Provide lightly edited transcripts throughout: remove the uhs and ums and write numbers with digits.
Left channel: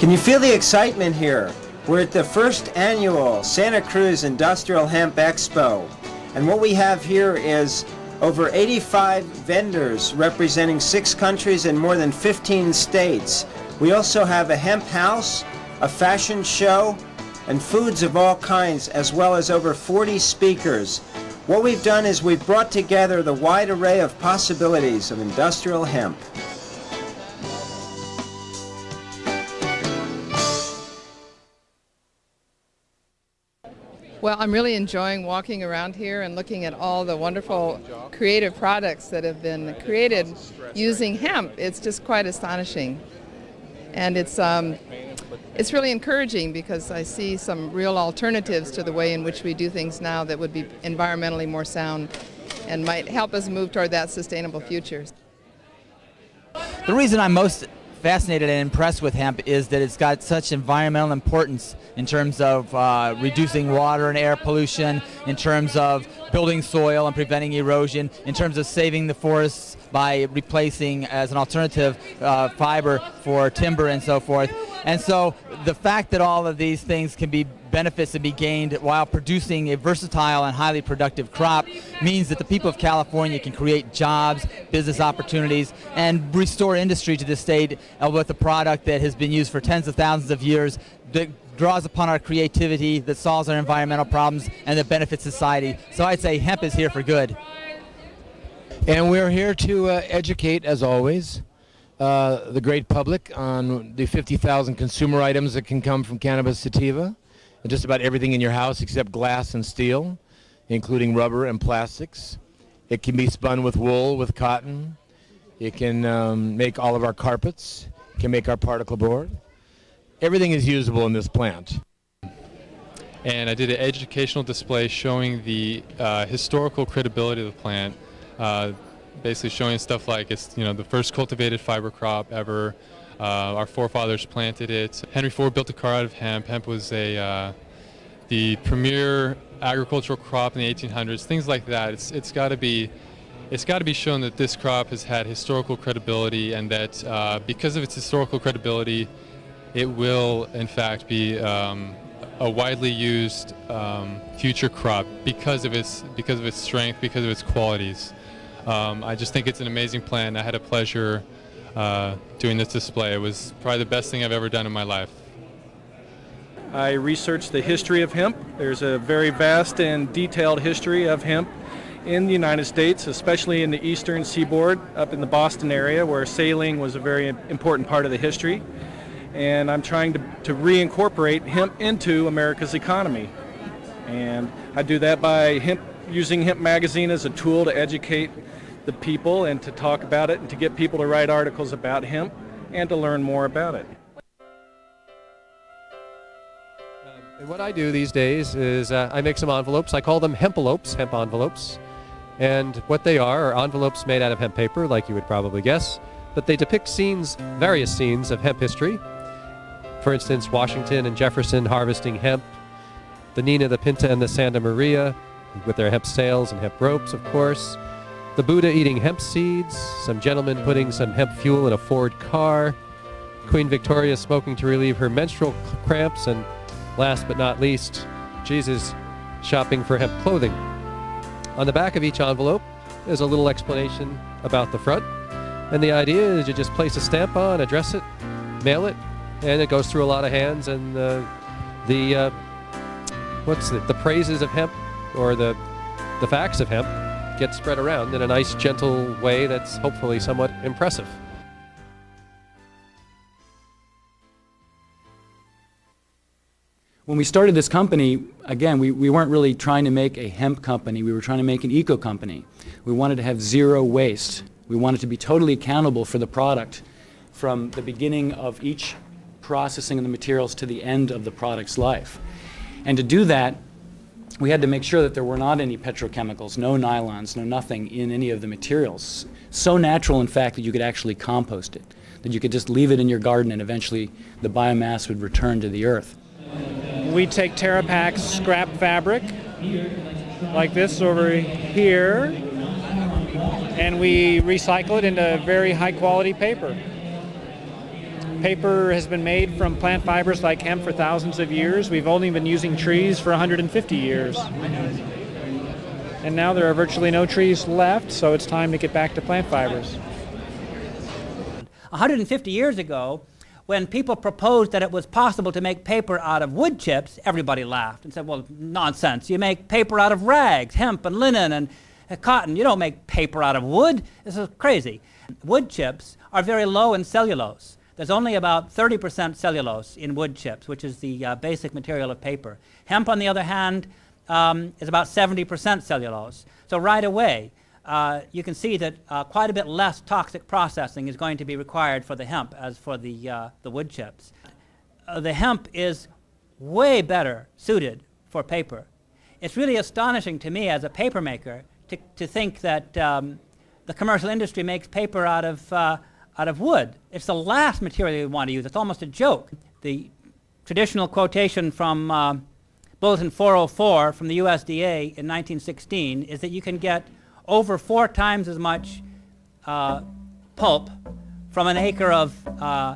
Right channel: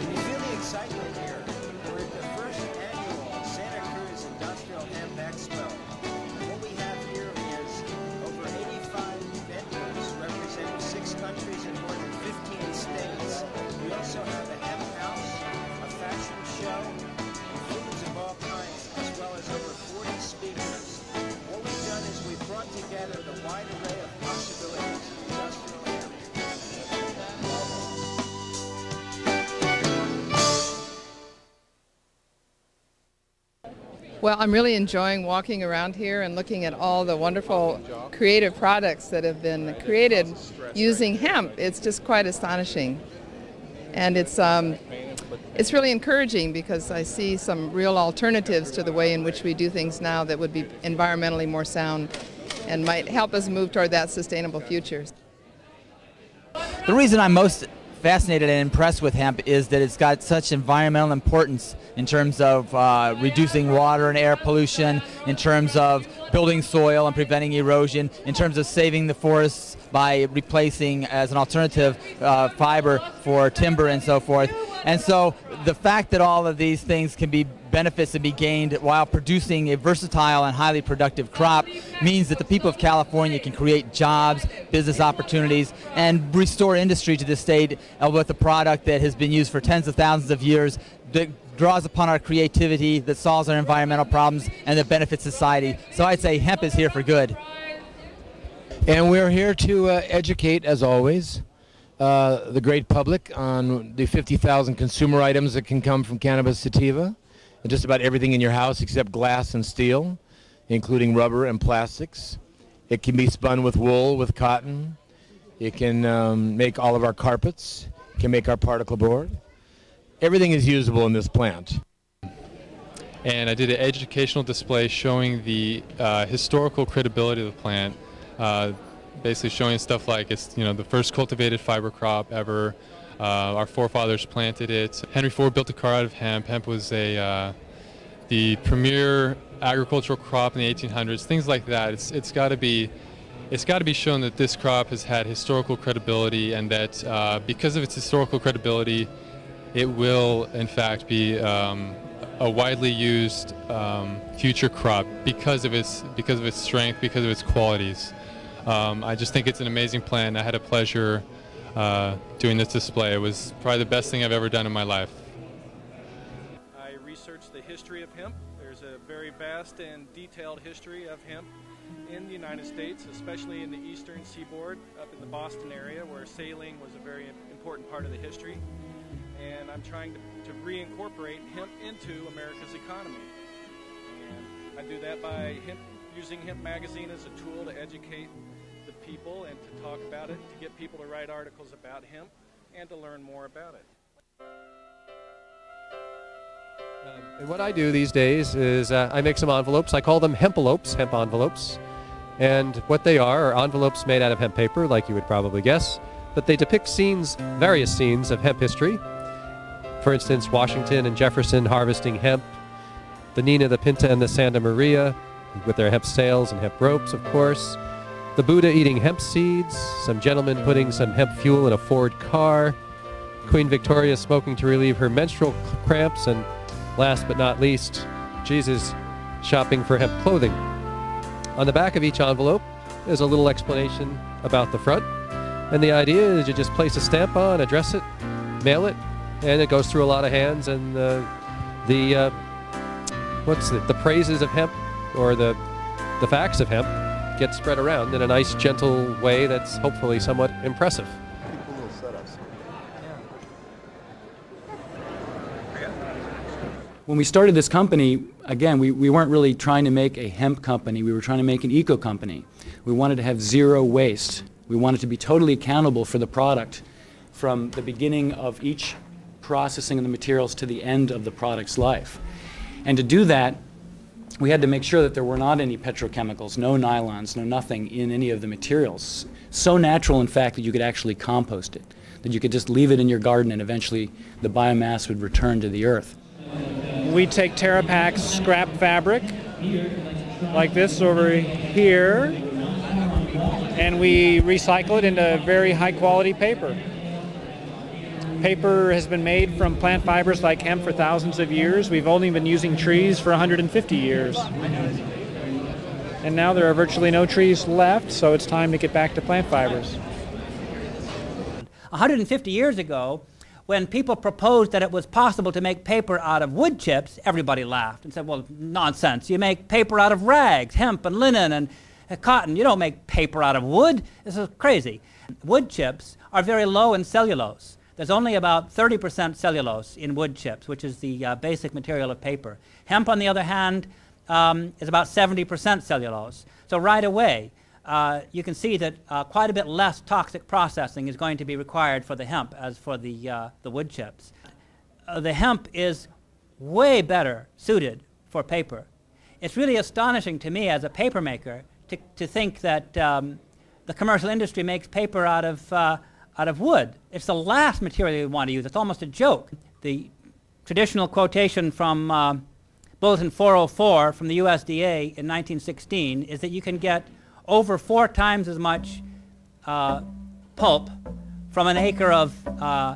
Can you feel the excitement here? We're at the first annual Santa Cruz Industrial Hemp Expo. And what we have here is over 85 vendors representing 6 countries and more than 15 states. We also have a hemp house, a fashion show, and foods of all kinds, as well as over 40 speakers. What we've done is we've brought together the wide array of possibilities of industrial hemp. Well, I'm really enjoying walking around here and looking at all the wonderful creative products that have been created using hemp. It's just quite astonishing. And it's really encouraging because I see some real alternatives to the way in which we do things now that would be environmentally more sound and might help us move toward that sustainable future. The reason I'm most fascinated and impressed with hemp is that it's got such environmental importance in terms of reducing water and air pollution, in terms of building soil and preventing erosion, in terms of saving the forests by replacing as an alternative fiber for timber and so forth. And so the fact that all of these things can be benefits to be gained while producing a versatile and highly productive crop means that the people of California can create jobs, business opportunities, and restore industry to the state with a product that has been used for tens of thousands of years, that draws upon our creativity, that solves our environmental problems, and that benefits society. So I'd say hemp is here for good. And we're here to educate, as always, the great public on the 50,000 consumer items that can come from cannabis sativa, and just about everything in your house except glass and steel, including rubber and plastics. It can be spun with wool, with cotton. It can make all of our carpets. It can make our particle board. Everything is usable in this plant. And I did an educational display showing the historical credibility of the plant, basically showing stuff like it's the first cultivated fiber crop ever. Our forefathers planted it. Henry Ford built a car out of hemp. Hemp was the premier agricultural crop in the 1800s. Things like that. It's got to be shown that this crop has had historical credibility, and that because of its historical credibility, it will in fact be a widely used future crop because of its strength, because of its qualities. I just think it's an amazing plant. I had a pleasure doing this display. It was probably the best thing I've ever done in my life. I researched the history of hemp. There's a very vast and detailed history of hemp in the United States, especially in the eastern seaboard, up in the Boston area, where sailing was a very important part of the history. And I'm trying to reincorporate hemp into America's economy. And I do that by using Hemp Magazine as a tool to educate the people and to talk about it and to get people to write articles about hemp and to learn more about it. And what I do these days is I make some envelopes. I call them hempelopes, hemp envelopes. And what they are envelopes made out of hemp paper, like you would probably guess, but they depict scenes, various scenes of hemp history. For instance, Washington and Jefferson harvesting hemp, the Nina, the Pinta, and the Santa Maria with their hemp sails and hemp ropes, of course. The Buddha eating hemp seeds, some gentleman putting some hemp fuel in a Ford car, Queen Victoria smoking to relieve her menstrual cramps, and last but not least, Jesus shopping for hemp clothing. On the back of each envelope is a little explanation about the front, and the idea is you just place a stamp on, address it, mail it, and it goes through a lot of hands, and the praises of hemp, or the facts of hemp, get spread around in a nice, gentle way that's hopefully somewhat impressive. When we started this company, again, we weren't really trying to make a hemp company. We were trying to make an eco company. We wanted to have zero waste. We wanted to be totally accountable for the product from the beginning of each processing of the materials to the end of the product's life. And to do that, we had to make sure that there were not any petrochemicals, no nylons, no nothing in any of the materials. So natural, in fact, that you could actually compost it, that you could just leave it in your garden and eventually the biomass would return to the earth. We take TerraPak's scrap fabric, like this over here, and we recycle it into very high quality paper. Paper has been made from plant fibers like hemp for thousands of years. We've only been using trees for 150 years. And now there are virtually no trees left, so it's time to get back to plant fibers. 150 years ago, when people proposed that it was possible to make paper out of wood chips, everybody laughed and said, well, nonsense. You make paper out of rags, hemp and linen and cotton. You don't make paper out of wood. This is crazy. Wood chips are very low in cellulose. There's only about 30% cellulose in wood chips, which is the basic material of paper. Hemp, on the other hand, is about 70% cellulose. So right away, you can see that quite a bit less toxic processing is going to be required for the hemp as for the wood chips. The hemp is way better suited for paper. It's really astonishing to me as a paper maker to think that the commercial industry makes paper out of wood. It's the last material you want to use. It's almost a joke. The traditional quotation from Bulletin 404 from the USDA in 1916 is that you can get over 4 times as much pulp from an acre of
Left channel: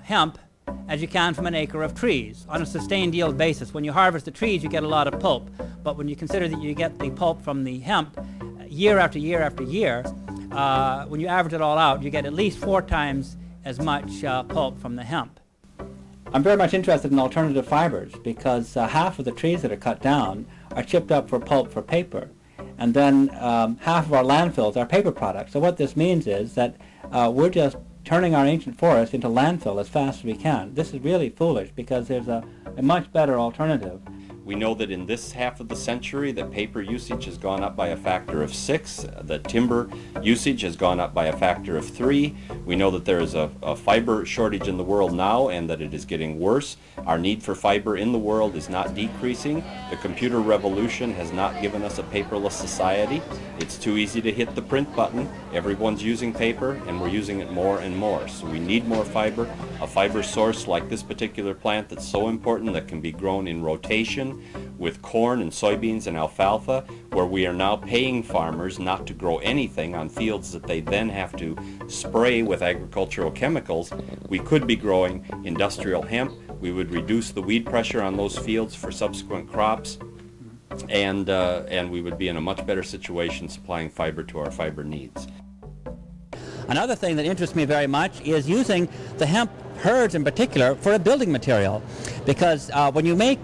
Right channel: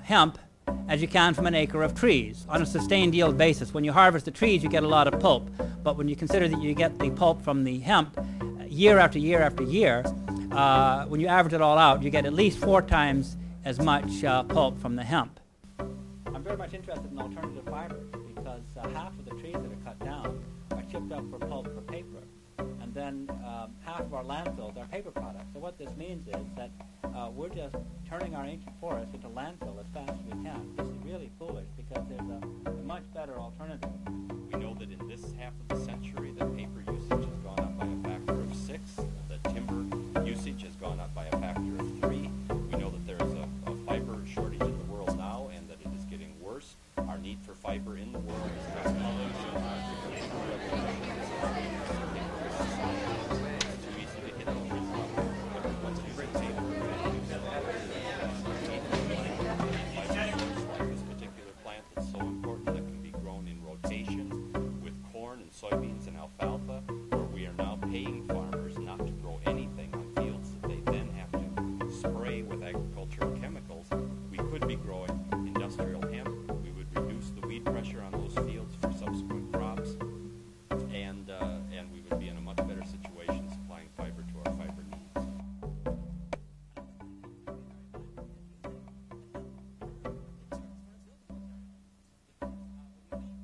hemp as you can from an acre of trees on a sustained yield basis. When you harvest the trees, you get a lot of pulp, but when you consider that you get the pulp from the hemp year after year after year, when you average it all out, you get at least 4 times as much pulp from the hemp. I'm very much interested in alternative fibers because half of the trees that are cut down are chipped up for pulp for paper. And then half of our landfills are paper products. So what this means is that we're just turning our ancient forest into landfill as fast as we can. This is really foolish because there's a much better alternative. We know that in this half of the century that paper usage has gone up by a factor of 6, that timber usage has gone up by a factor of 3. We know that there is a fiber shortage in the world now and that it is getting worse. Our need for fiber in the world is not decreasing. The computer revolution has not given us a paperless society. It's too easy to hit the print button. Everyone's using paper and we're using it more and more. So we need more fiber, a fiber source like this particular plant that's so important that can be grown in rotation with corn and soybeans and alfalfa, where we are now paying farmers not to grow anything on fields that they then have to spray with agricultural chemicals. We could be growing industrial hemp. We would reduce the weed pressure on those fields for subsequent crops, and we would be in a much better situation supplying fiber to our fiber needs. Another thing that interests me very much is using the hemp herds in particular for a building material, because when you make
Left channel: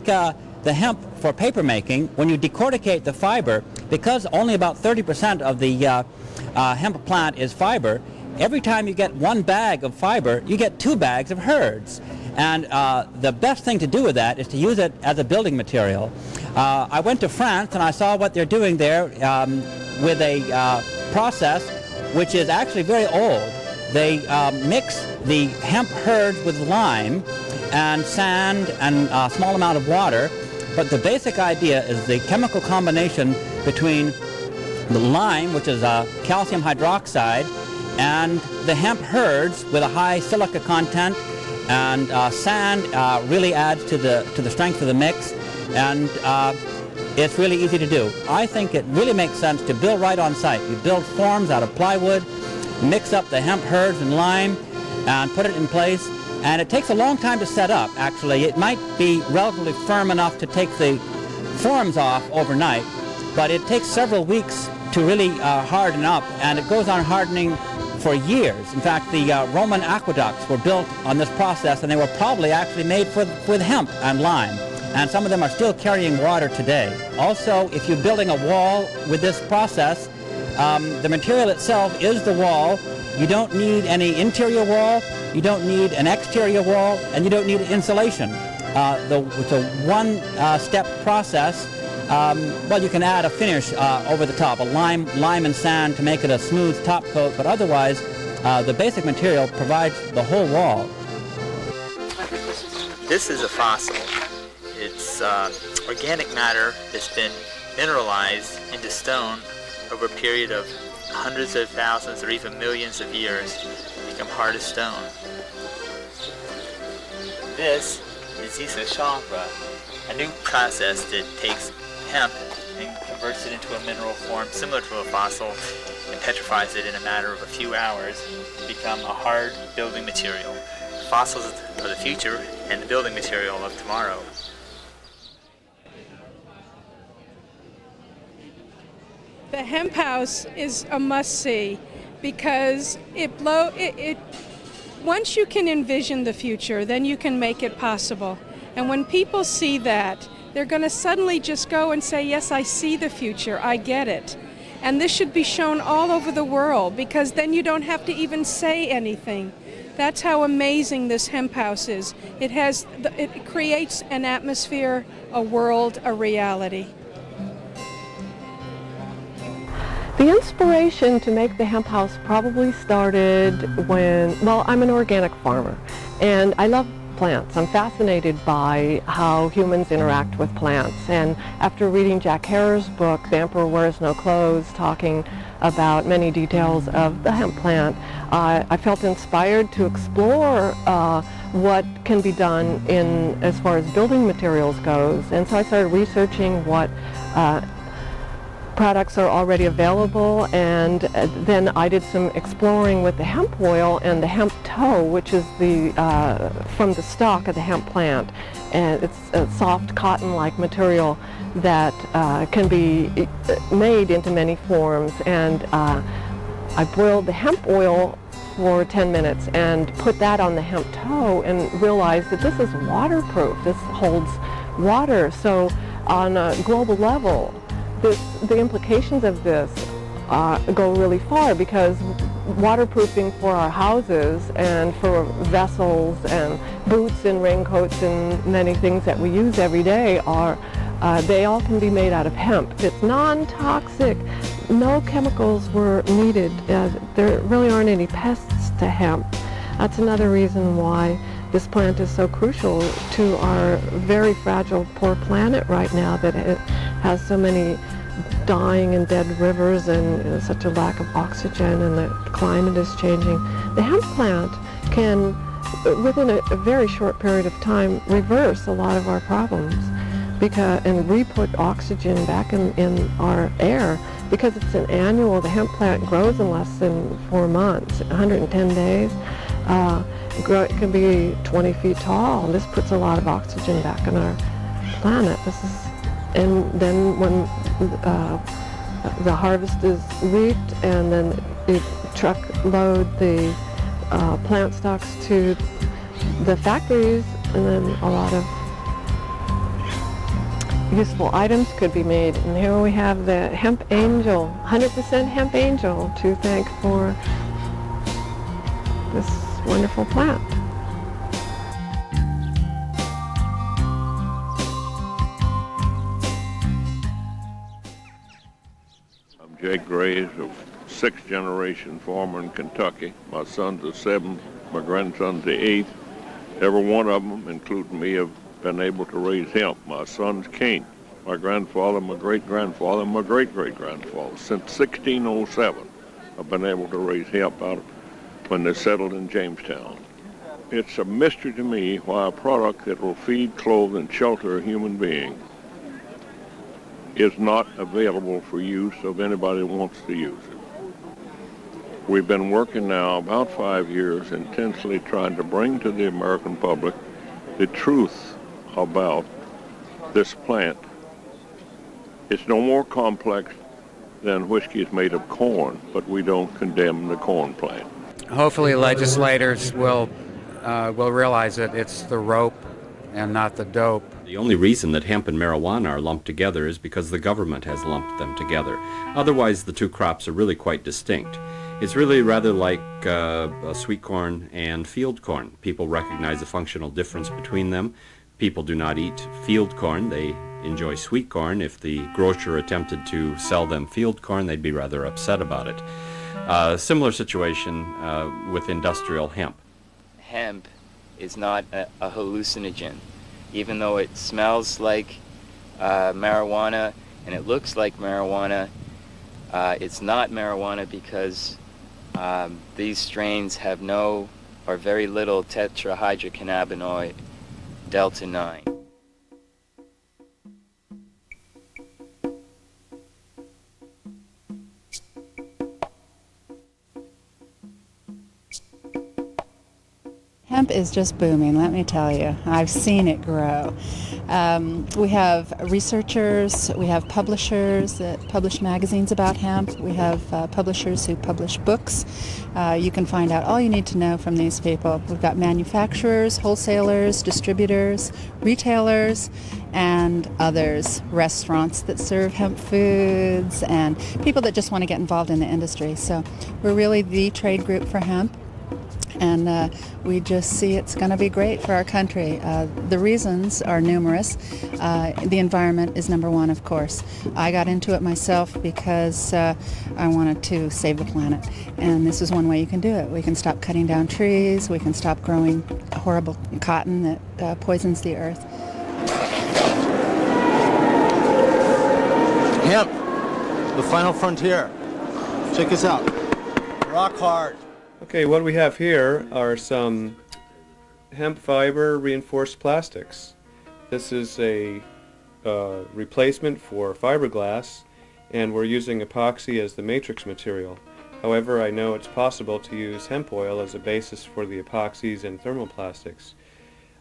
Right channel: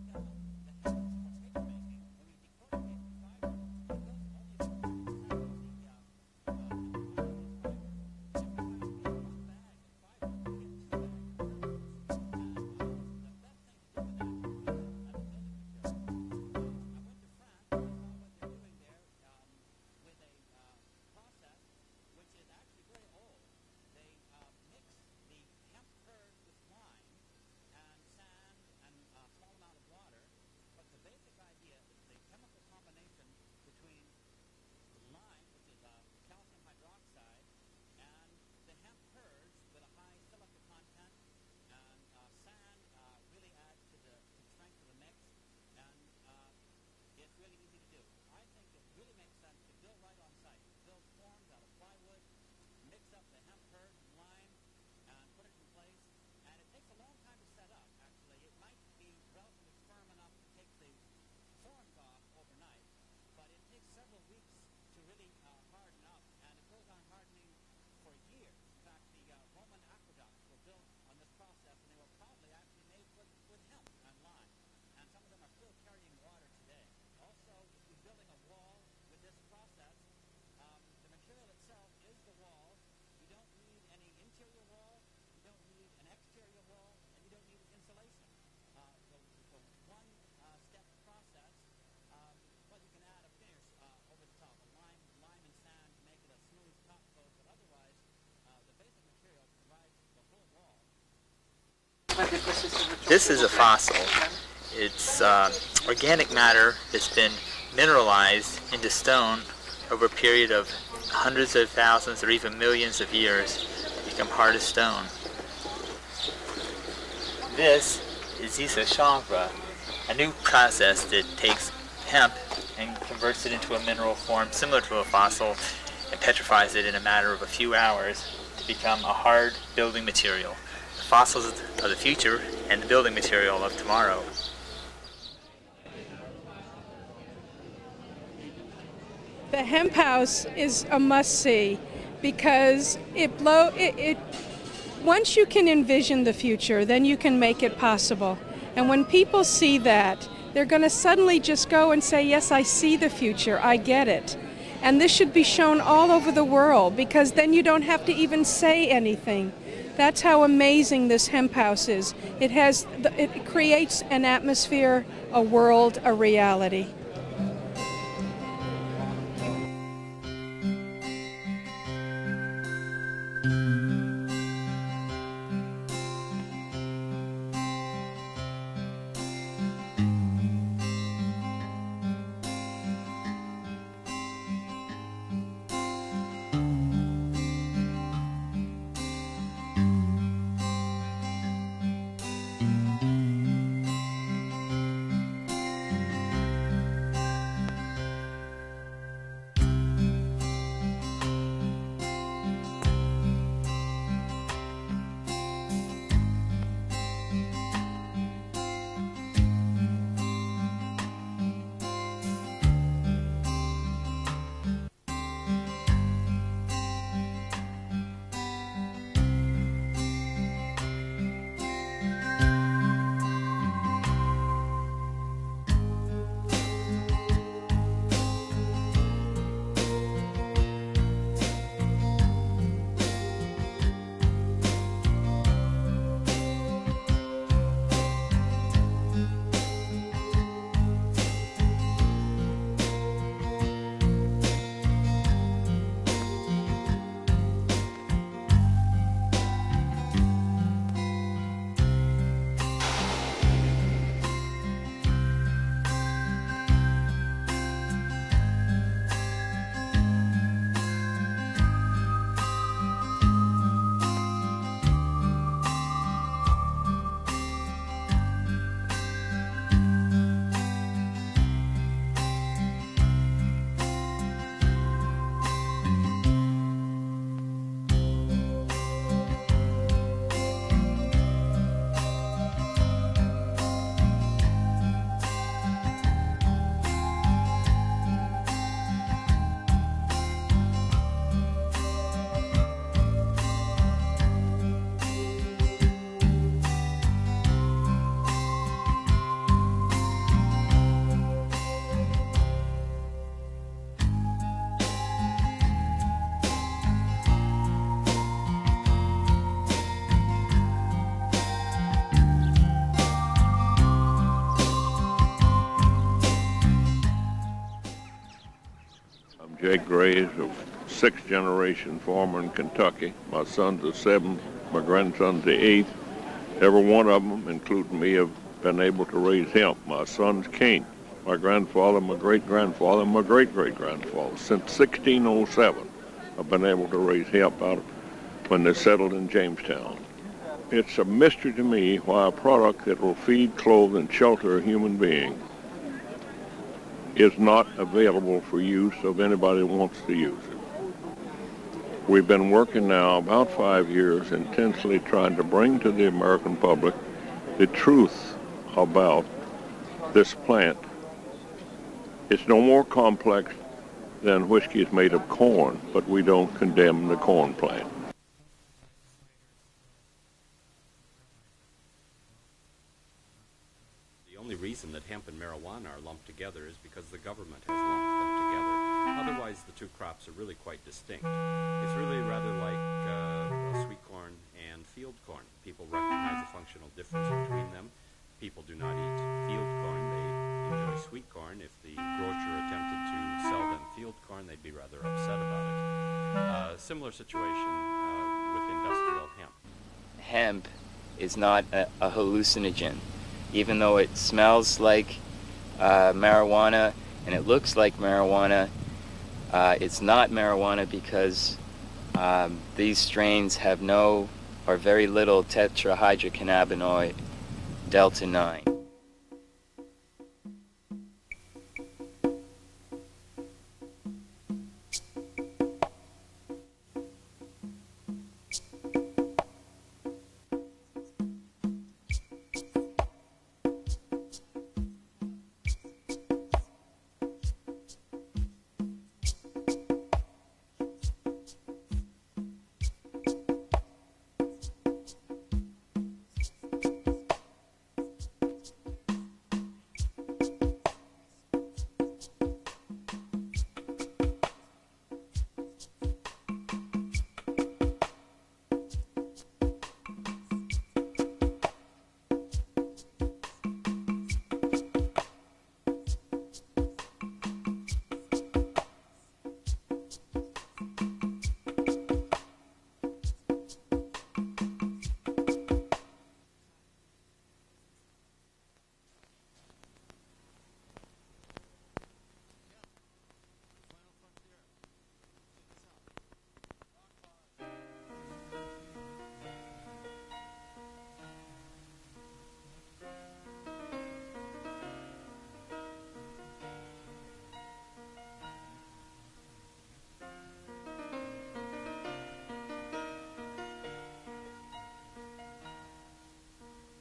the hemp for paper making, when you decorticate the fiber, because only about 30% of the hemp plant is fiber, every time you get 1 bag of fiber, you get 2 bags of herds. And the best thing to do with that is to use it as a building material. I went to France and I saw what they're doing there with a process which is actually very old. They mix the hemp herds with lime and sand and a small amount of water. But the basic idea is the chemical combination between the lime, which is calcium hydroxide, and the hemp herds with a high silica content, and sand really adds to the strength of the mix. And it's really easy to do. I think it really makes sense to build right on site. You build forms out of plywood, mix up the hemp herds and lime, and put it in place. And it takes a long time to set up, actually. It might be relatively firm enough to take the forms off overnight, but it takes several weeks to really harden up, and it goes on hardening for years. In fact, the Roman aqueducts were built on this process, and they were probably actually made with hemp and lime. And some of them are still carrying water today. Also, if you're building a wall with this process, the material itself is the wall. You don't need any interior wall, you don't need an exterior wall, and you don't need insulation. It's a one-step process. Well, you can add a finish over the top, a lime and sand to make it a smooth top coat, but otherwise, the basic material provides the whole wall. This is a fossil. It's organic matter that's been mineralized into stone over a period of hundreds of thousands or even millions of years to become hard as stone. This is isochavre, a new process that takes hemp and converts it into a mineral form similar to a fossil and petrifies it in a matter of a few hours to become a hard building material. The fossils of the future and the building material of tomorrow. The hemp house is a must-see because once you can envision the future, then you can make it possible. And when people see that, they're going to suddenly just go and say, yes, I see the future, I get it. And this should be shown all over the world because then you don't have to even say anything. That's how amazing this hemp house is. It creates an atmosphere, a world, a reality. The inspiration to make the hemp house probably started well, I'm an organic farmer and I love plants. I'm fascinated by how humans interact with plants, and after reading Jack Herer's book, The Emperor Wears No Clothes, talking about many details of the hemp plant, I felt inspired to explore what can be done as far as building materials goes, and so I started researching what products are already available, and then I did some exploring with the hemp oil and the hemp tow, which is from the stalk of the hemp plant, and it's a soft cotton-like material that can be made into many forms. And I boiled the hemp oil for 10 minutes and put that on the hemp tow and realized that this is waterproof. This holds water, so on a global level, the implications of this go really far, because waterproofing for our houses and for vessels and boots and raincoats and many things that we use every day they all can be made out of hemp. It's non-toxic. No chemicals were needed. There really aren't any pests to hemp. That's another reason why this plant is so crucial to our very fragile, poor planet right now, that it has so many dying and dead rivers and such a lack of oxygen, and the climate is changing. The hemp plant can, within a very short period of time, reverse a lot of our problems and re-put oxygen back in our air, because it's an annual. The hemp plant grows in less than 4 months, 110 days. It can be 20 feet tall. This puts a lot of oxygen back in our planet. And then when the harvest is reaped, and then the truck load the plant stocks to the factories, and then a lot of useful items could be made. And here we have the hemp angel, 100% hemp angel, to thank for this wonderful plant. I'm Jake Graves, a sixth-generation farmer in Kentucky. My son's the seventh, my grandson's the eighth. Every one of them, including me, have been able to raise hemp. My sons can't. My grandfather, my great-grandfather, my great-great-grandfather. Since 1607, I've been able to raise hemp out of when they settled in Jamestown. It's a mystery to me why a product that will feed, clothe, and shelter a human being is not available for use of anybody who wants to use it. We've been working now about 5 years intensely trying to bring to the American public the truth about this plant. It's no more complex than whiskey is made of corn, but we don't condemn the corn plant. Hopefully legislators will realize that it's the rope and not the dope. The only reason that hemp and marijuana are lumped together is because the government has lumped them together. Otherwise, the two crops are really quite distinct. It's really rather like sweet corn and field corn. People recognize the functional difference between them. People do not eat field corn. They enjoy sweet corn. If the grocer attempted to sell them field corn, they'd be rather upset about it. Similar situation with industrial hemp. Hemp is not a hallucinogen. Even though it smells like marijuana and it looks like marijuana, it's not marijuana because these strains have no or very little tetrahydrocannabinoid delta 9. Hemp is just booming, let me tell you. I've seen it grow. We have researchers, we have publishers that publish magazines about hemp, we have publishers who publish books. You can find out all you need to know from these people. We've got manufacturers, wholesalers, distributors, retailers, and others, restaurants that serve hemp foods, and people that just want to get involved in the industry. So we're really the trade group for hemp. And we just see it's going to be great for our country. The reasons are numerous. The environment is number one, of course. I got into it myself because I wanted to save the planet. And this is one way you can do it. We can stop cutting down trees. We can stop growing horrible cotton that poisons the earth. Hemp, the final frontier. Check us out. Rock hard. Okay, what we have here are some hemp fiber reinforced plastics. This is a replacement for fiberglass, and we're using epoxy as the matrix material. However, I know it's possible to use hemp oil as a basis for the epoxies and thermoplastics.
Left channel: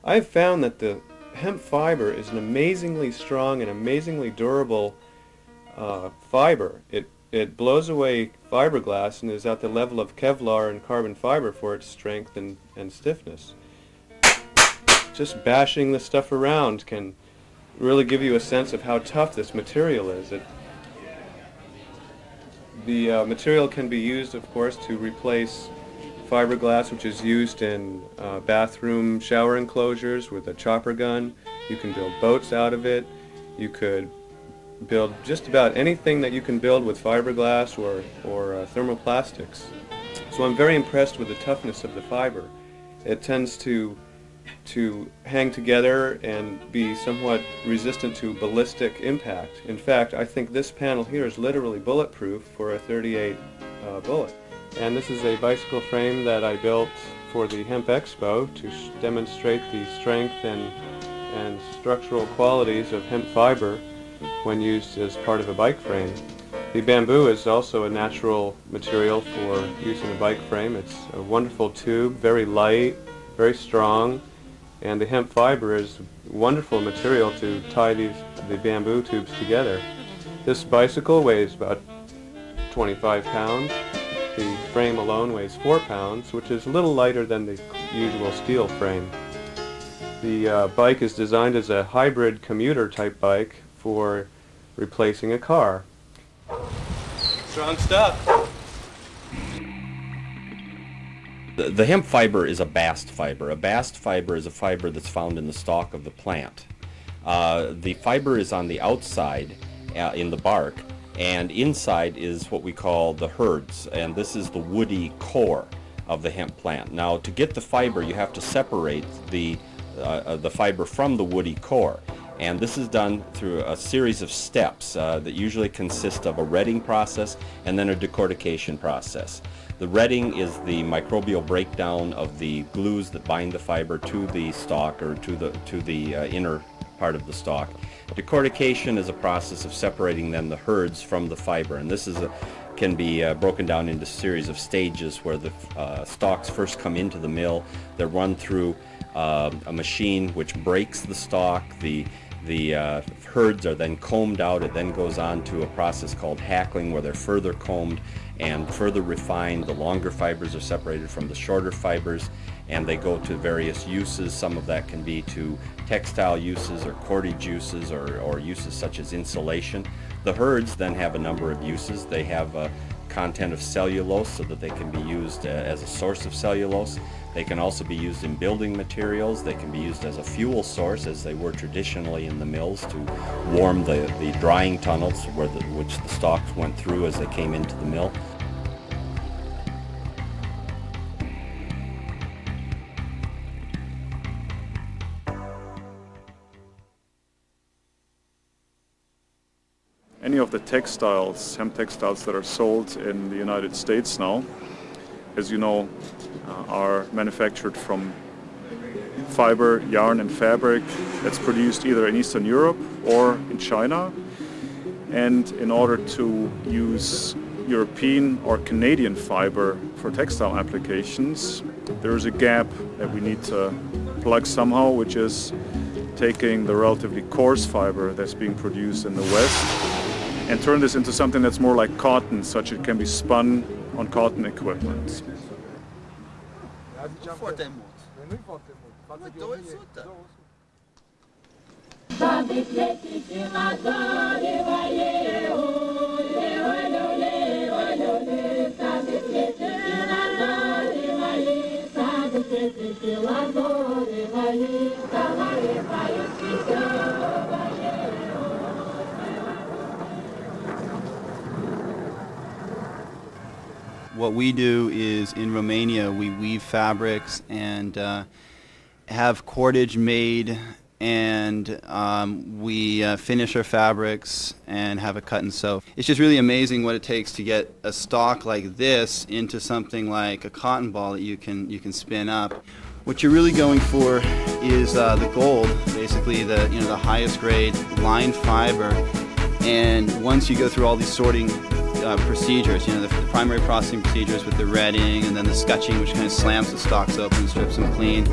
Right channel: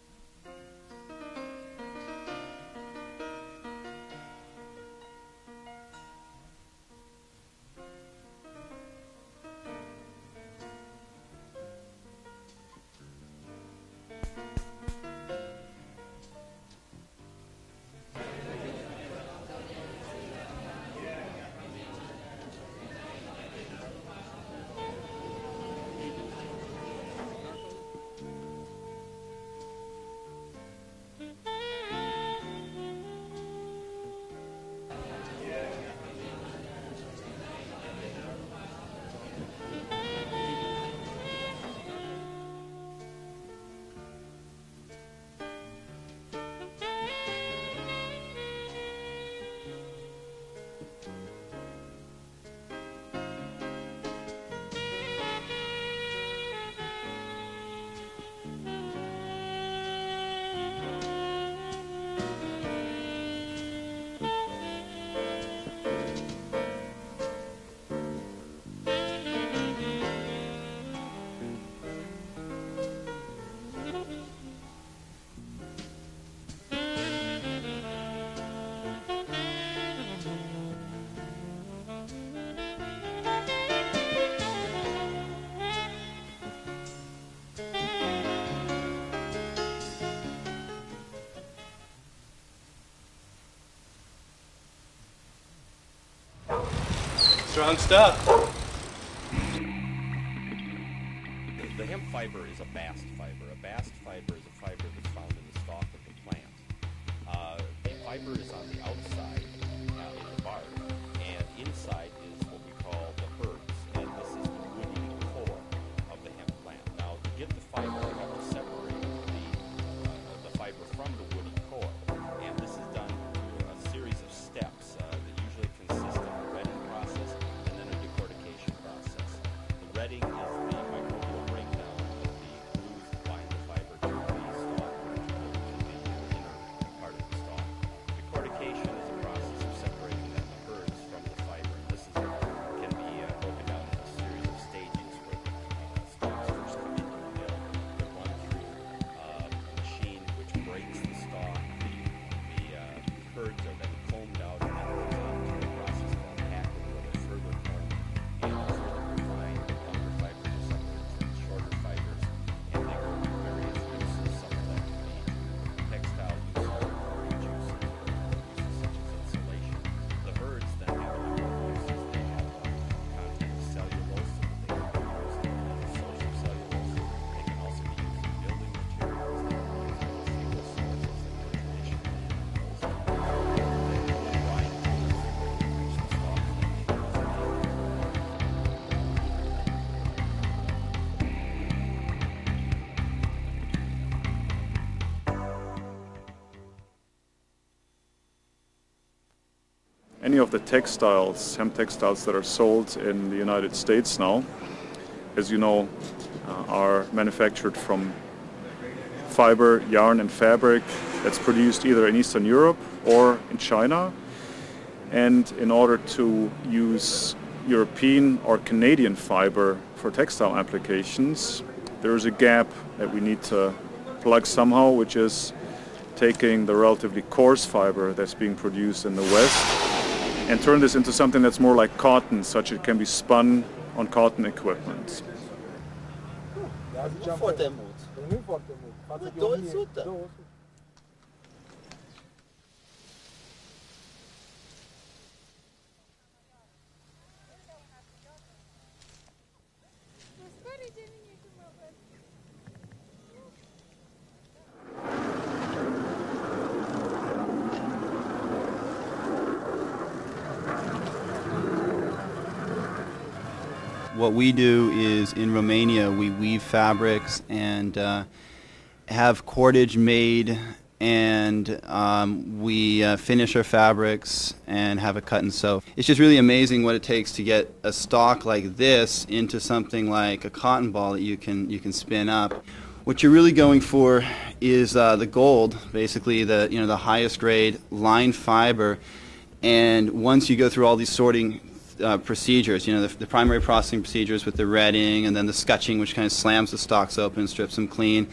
I've found that the hemp fiber is an amazingly strong and amazingly durable fiber. It blows away fiberglass and is at the level of Kevlar and carbon fiber for its strength and stiffness. Just bashing this stuff around can really give you a sense of how tough this material is. The material can be used, of course, to replace fiberglass, which is used in bathroom shower enclosures with a chopper gun. You can build boats out of it. You could build just about anything that you can build with fiberglass or thermoplastics. So I'm very impressed with the toughness of the fiber. It tends to hang together and be somewhat resistant to ballistic impact. In fact, I think this panel here is literally bulletproof for a .38 bullet. And this is a bicycle frame that I built for the Hemp Expo to demonstrate the strength and structural qualities of hemp fiber when used as part of a bike frame. The bamboo is also a natural material for using a bike frame. It's a wonderful tube, very light, very strong, and the hemp fiber is wonderful material to tie the bamboo tubes together. This bicycle weighs about 25 pounds. The frame alone weighs 4 pounds, which is a little lighter than the usual steel frame. The bike is designed as a hybrid commuter type bike for replacing a car. Strong stuff. The hemp fiber is a bast fiber. A bast fiber is a fiber that's found in the stalk of the plant. The fiber is on the outside in the bark, and inside is what we call the herds, and this is the woody core of the hemp plant. Now, to get the fiber, you have to separate the fiber from the woody core. And this is done through a series of steps that usually consist of a retting process and then a decortication process. The retting is the microbial breakdown of the glues that bind the fiber to the stalk or to the inner part of the stalk. Decortication is a process of separating then the herds from the fiber, and this can be broken down into a series of stages where the stalks first come into the mill. They're run through a machine which breaks the stalk. The herds are then combed out. It then goes on to a process called hackling, where they're further combed and further refined. The longer fibers are separated from the shorter fibers, and they go to various uses. Some of that can be to textile uses or cordage uses or uses such as insulation. The herds then have a number of uses. They have a content of cellulose so that they can be used as a source of cellulose. They can also be used in building materials. They can be used as a fuel source, as they were traditionally in the mills, to warm the drying tunnels which the stalks went through as they came into the mill. Any of the textiles, hemp textiles that are sold in the United States now, as you know, are manufactured from fiber, yarn and fabric that's produced either in Eastern Europe or in China. And in order to use European or Canadian fiber for textile applications, there is a gap that we need to plug somehow, which is taking the relatively coarse fiber that's being produced in the West and turn this into something that's more like cotton, such it can be spun on cotton equipment. What we do is in Romania we weave fabrics and have cordage made, and we finish our fabrics and have it cut and sew. It's just really amazing what it takes to get a stalk like this into something like a cotton ball that you can spin up. What you're really going for is the gold, basically the highest grade line fiber. And once you go through all these sorting procedures, the primary processing procedures with the retting, and then the scutching, which kind of slams the stalks open and strips them clean,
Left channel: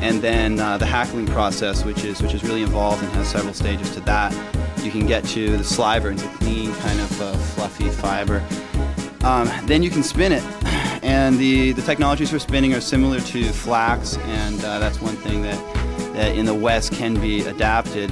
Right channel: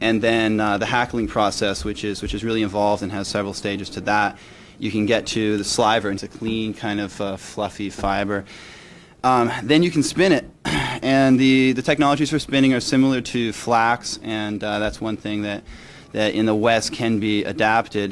and then the hackling process, which is really involved and has several stages to that, you can get to the sliver into clean kind of fluffy fiber. Then you can spin it, and the technologies for spinning are similar to flax, and that's one thing that in the West can be adapted.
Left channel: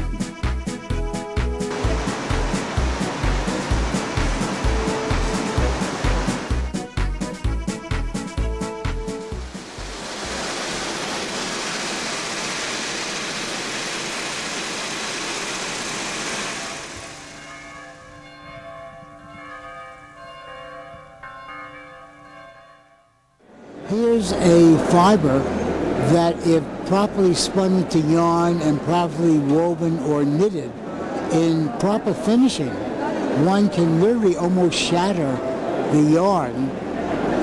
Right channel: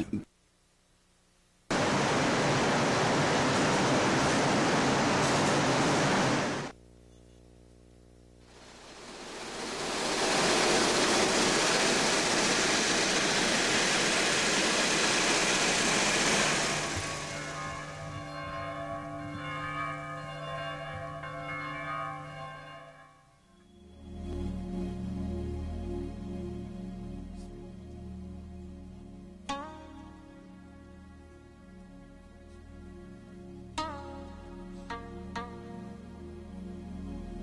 Here's a fiber that, if properly spun into yarn and properly woven or knitted in proper finishing, one can literally almost shatter the yarn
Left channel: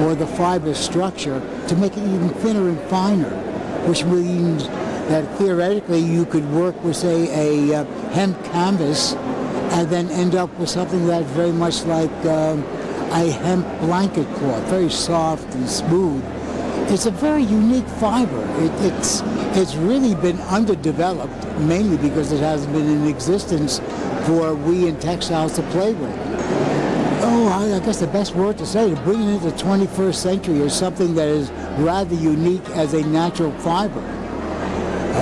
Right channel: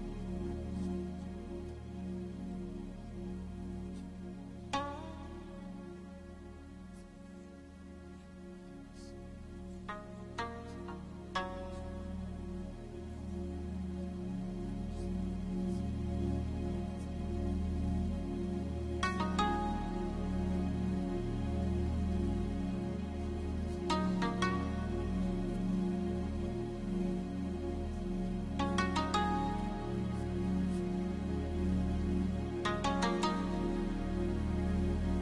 or the fiber structure to make it even thinner and finer, which means that theoretically you could work with, say, a hemp canvas and then end up with something that's very much like a hemp blanket cloth, very soft and smooth. It's a very unique fiber. It's really been underdeveloped, mainly because it hasn't been in existence for we in textiles to play with. Oh, I guess the best word to say, to bring it into the 21st century, is something that is rather unique as a natural fiber.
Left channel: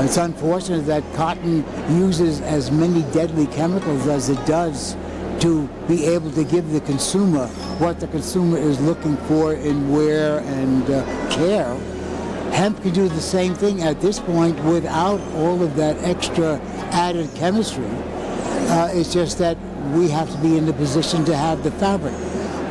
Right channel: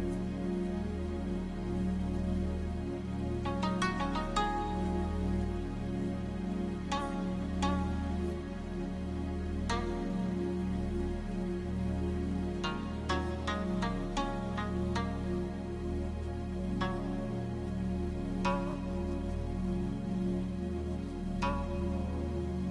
It's unfortunate that cotton uses as many deadly chemicals as it does to be able to give the consumer what the consumer is looking for in wear and care. Hemp can do the same thing at this point without all of that extra added chemistry. It's just that we have to be in the position to have the fabric.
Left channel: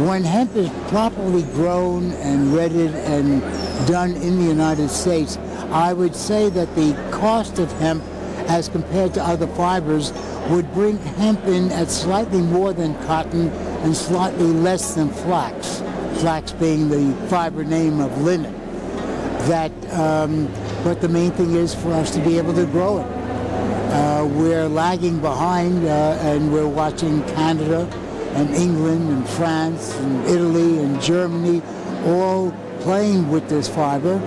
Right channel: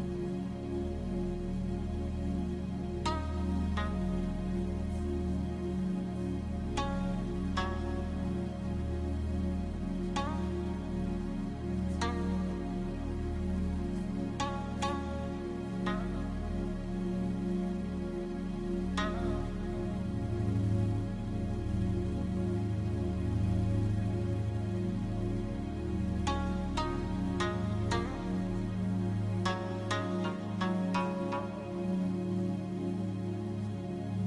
When hemp is properly grown and redded and done in the United States, I would say that the cost of hemp as compared to other fibers would bring hemp in at slightly more than cotton and slightly less than flax. Flax being the fiber name of linen. But the main thing is for us to be able to grow it. We're lagging behind, and we're watching Canada and England and France and Italy and Germany all playing with this fiber,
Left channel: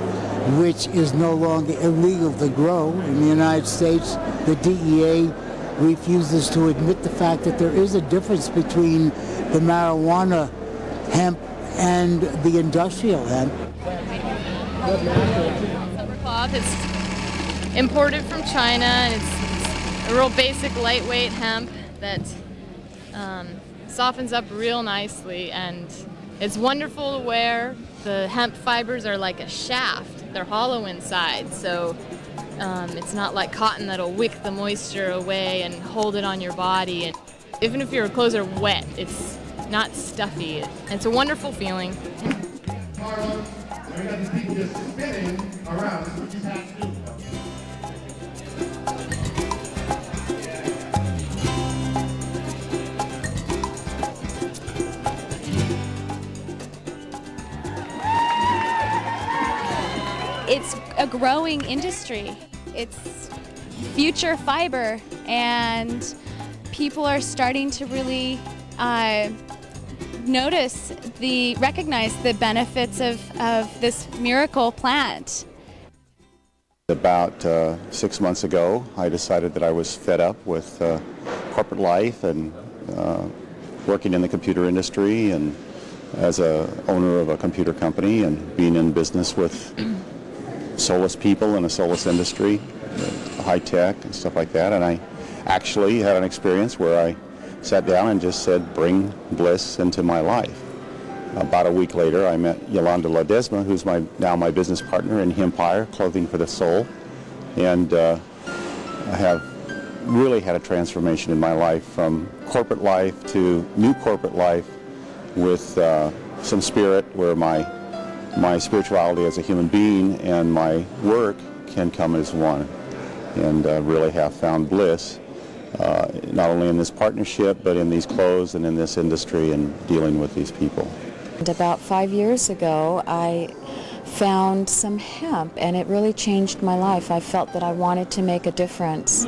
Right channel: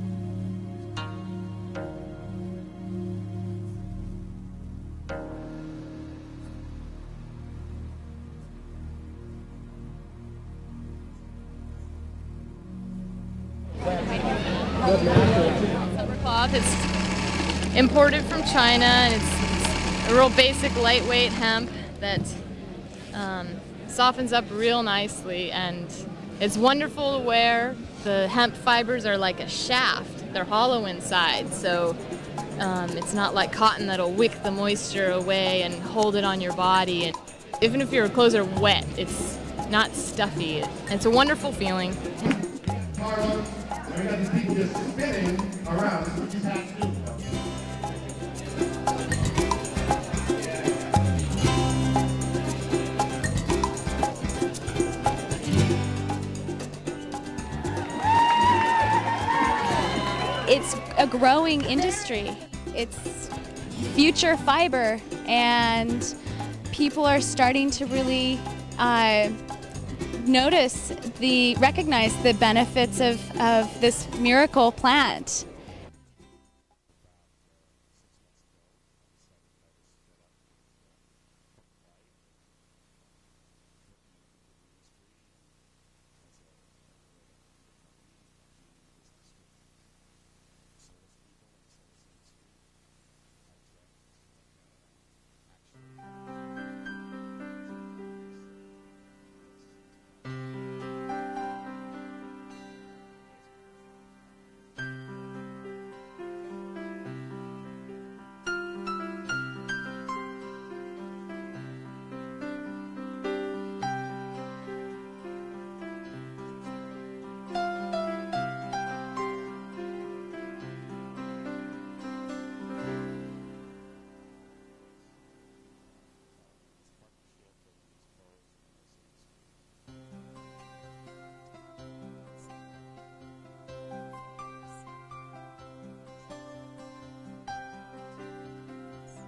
which is no longer illegal to grow. In the United States, the DEA refuses to admit the fact that there is a difference between the marijuana hemp and the industrial hemp. Silver cloth. It's imported from China, and it's a real basic, lightweight hemp that softens up real nicely, and it's wonderful to wear. The hemp fibers are like a shaft. They're hollow inside, so it's not like cotton that'll wick the moisture away and hold it on your body. And even if your clothes are wet, it's not stuffy. It's a wonderful feeling. It's a growing industry. It's future fiber, and people are starting to really recognize the benefits of this miracle plant. About 6 months ago, I decided that I was fed up with corporate life and working in the computer industry and as a owner of a computer company and being in business with soulless people in a soulless industry, high tech and stuff like that. And I actually had an experience where I sat down and just said, bring bliss into my life. About a week later, I met Yolanda Ledesma, who's now my business partner in Hempire, Clothing for the Soul. And I have really had a transformation in my life from corporate life to new corporate life with some spirit where my spirituality as a human being and my work can come as one, and really have found bliss not only in this partnership but in these clothes and in this industry and dealing with these people. And about 5 years ago, I found some hemp, and it really changed my life. I felt that I wanted to make a difference,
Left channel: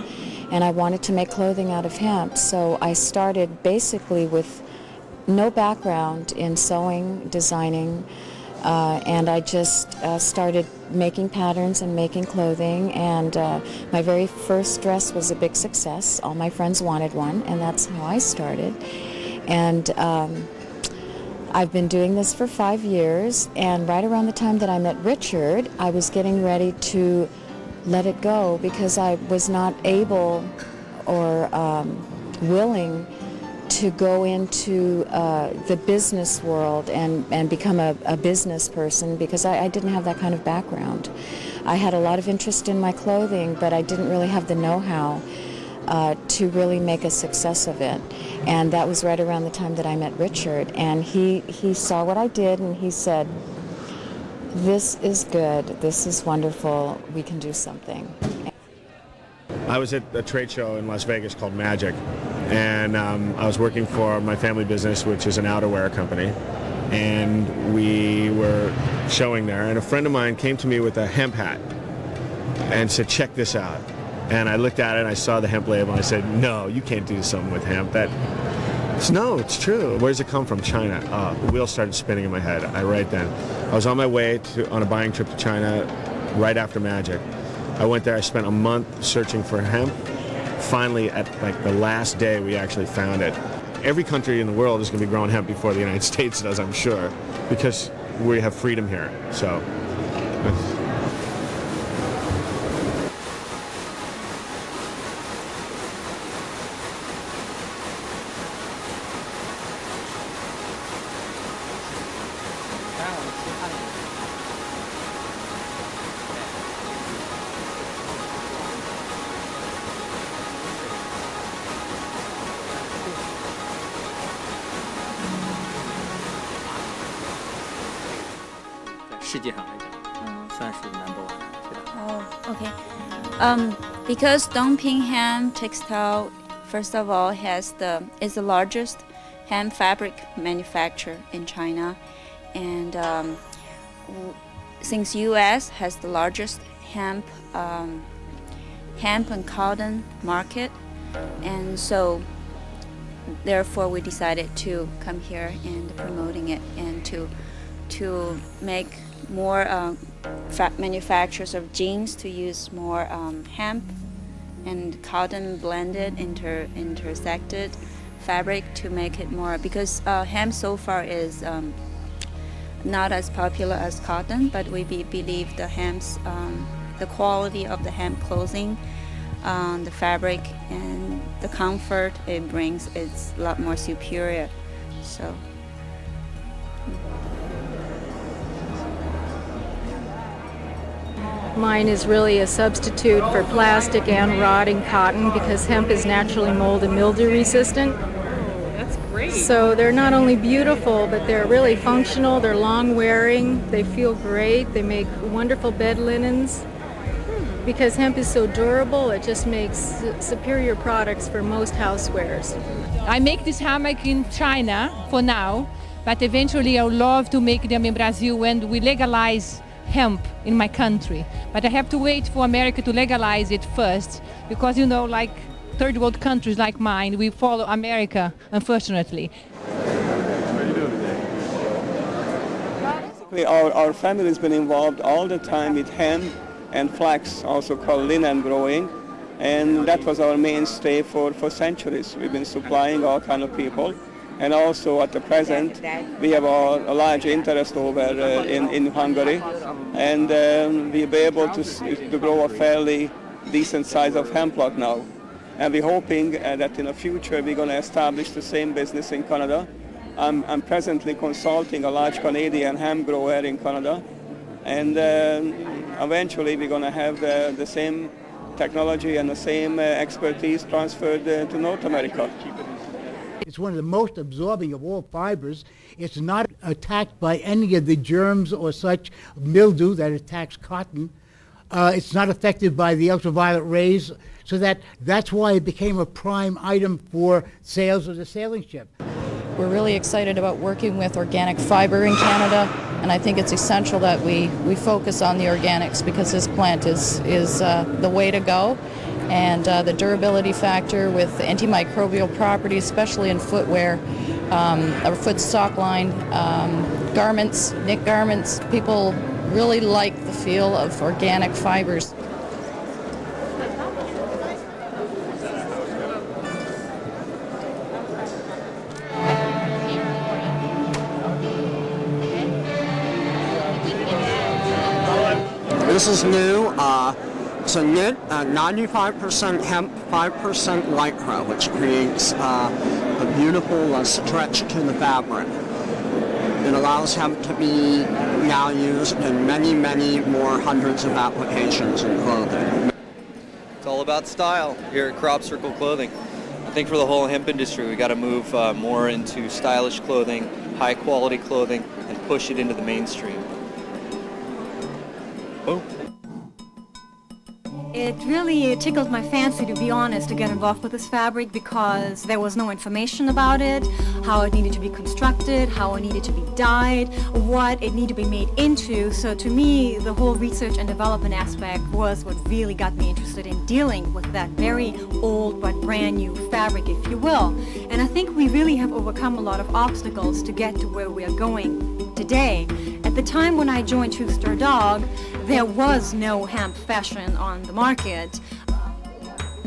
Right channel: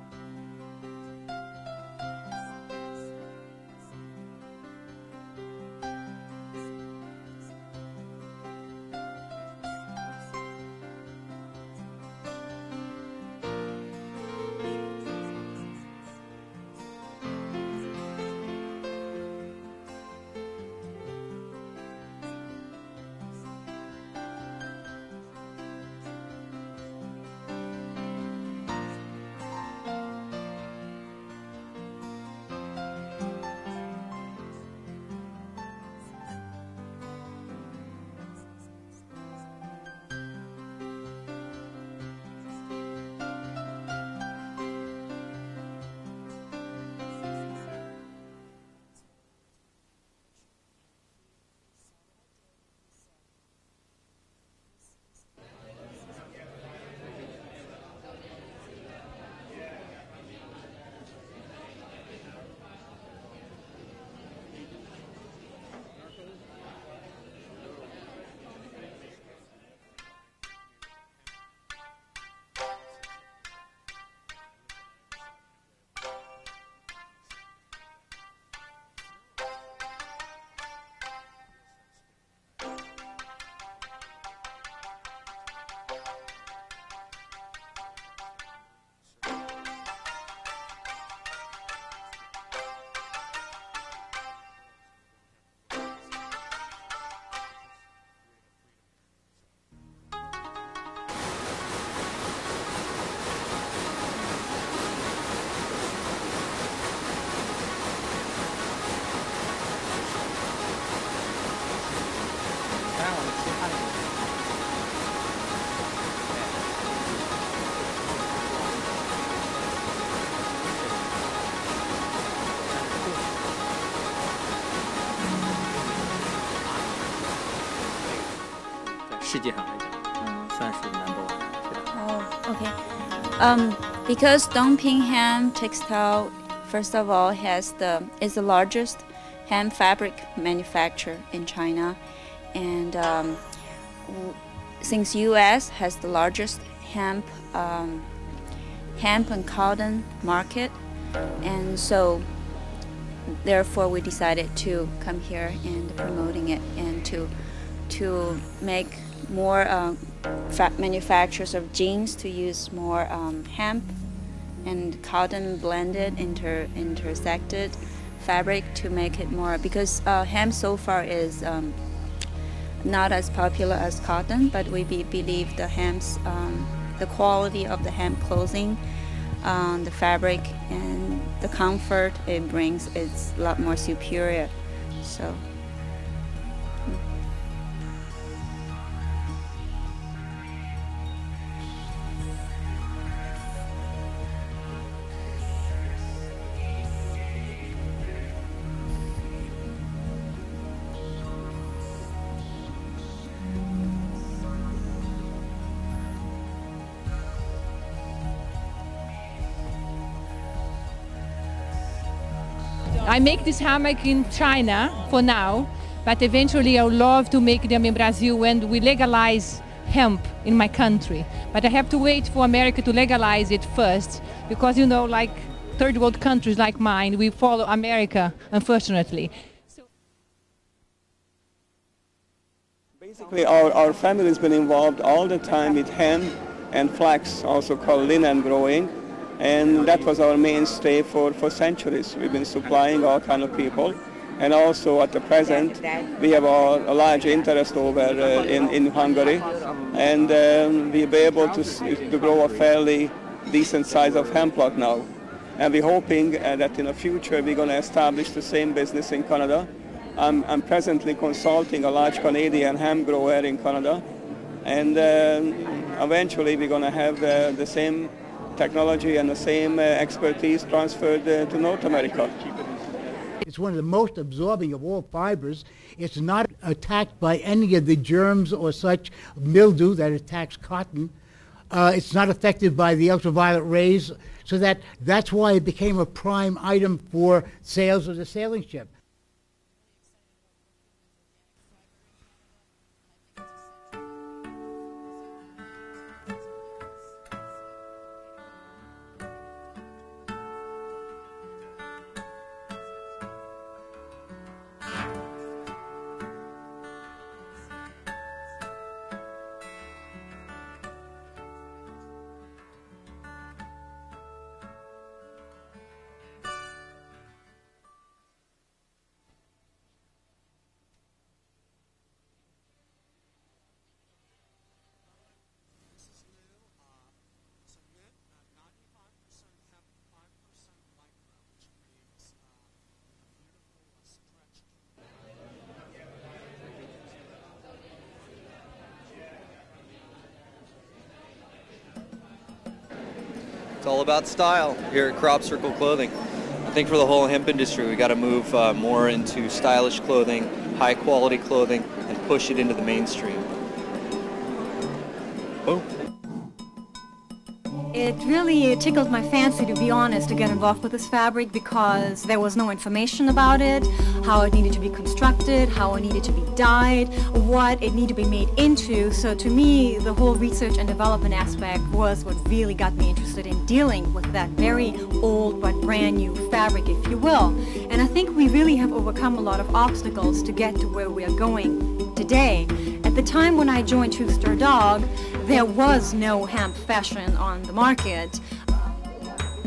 and I wanted to make clothing out of hemp. So I started basically with no background in sewing, designing, and I just started making patterns and making clothing, and my very first dress was a big success. All my friends wanted one, and that's how I started. And I've been doing this for 5 years, and right around the time that I met Richard, I was getting ready to let it go because I was not able or willing to go into the business world and become a business person because I didn't have that kind of background. I had a lot of interest in my clothing, but I didn't really have the know-how to really make a success of it. And that was right around the time that I met Richard. And he saw what I did, and he said, this is good, this is wonderful, we can do something. I was at a trade show in Las Vegas called Magic, and I was working for my family business, which is an outerwear company, and we were showing there, and a friend of mine came to me with a hemp hat and said, check this out. And I looked at it, and I saw the hemp label, and I said, no, you can't do something with hemp. No, it's true. Where does it come from? China. The wheels started spinning in my head. Right then. I was on my way on a buying trip to China right after Magic. I went there, I spent a month searching for hemp. Finally, at like the last day, we actually found it. Every country in the world is going to be growing hemp before the United States does, I'm sure, because we have freedom here. So. Because Dongping Hemp Textile, first of all, is the largest hemp fabric manufacturer in China, and since U.S. has the largest hemp hemp and cotton market, and so therefore we decided to come here and promoting it and to make more manufacturers of jeans to use more hemp and cotton blended, intersected fabric to make it more, because hemp so far is not as popular as cotton, but we believe the hemp's the quality of the hemp clothing, the fabric and the comfort it brings, it's a lot more superior. So mine is really a substitute for plastic and rotting cotton because hemp is naturally mold and mildew resistant. That's great. So they're not only beautiful, but they're really functional, they're long wearing, they feel great, they make wonderful bed linens. Because hemp is so durable, it just makes superior products for most housewares. I make this hammock in China for now, but eventually I would love to make them in Brazil when we legalize hemp in my country. But I have to wait for America to legalize it first, because you know, like third world countries like mine, we follow America, unfortunately. Basically, our family has been involved all the time with hemp and flax, also called linen growing, and that was our mainstay for centuries. We've been supplying all kind of people, and also at the present we have a large interest over in Hungary, and we'll be able to grow a fairly decent size of hemp plot now. And we're hoping that in the future we're going to establish the same business in Canada. I'm presently consulting a large Canadian hemp grower in Canada, and eventually we're going to have the same technology and the same expertise transferred to North America. It's one of the most absorbing of all fibers. It's not attacked by any of the germs or such mildew that attacks cotton. It's not affected by the ultraviolet rays, so that's why it became a prime item for sales of the sailing ship. We're really excited about working with organic fiber in Canada, and I think it's essential that we focus on the organics, because this plant is the way to go, and the durability factor with antimicrobial properties, especially in footwear, our foot stock line, garments, knit garments. People really like the feel of organic fibers. This is new. It's a knit, 95% hemp, 5% lycra, which creates a beautiful stretch to the fabric. It allows hemp to be now used in many, many more hundreds of applications in clothing. It's all about style here at Crop Circle Clothing. I think for the whole hemp industry, we got to move more into stylish clothing, high quality clothing, and push it into the mainstream. Boom. It really tickled my fancy, to be honest, to get involved with this fabric, because there was no information about it, how it needed to be constructed, how it needed to be dyed, what it needed to be made into. So to me, the whole research and development aspect was what really got me interested in dealing with that very old but brand new fabric, if you will. And I think we really have overcome a lot of obstacles to get to where we are going today. At the time when I joined Two Star Dog, there was no hemp fashion on the market.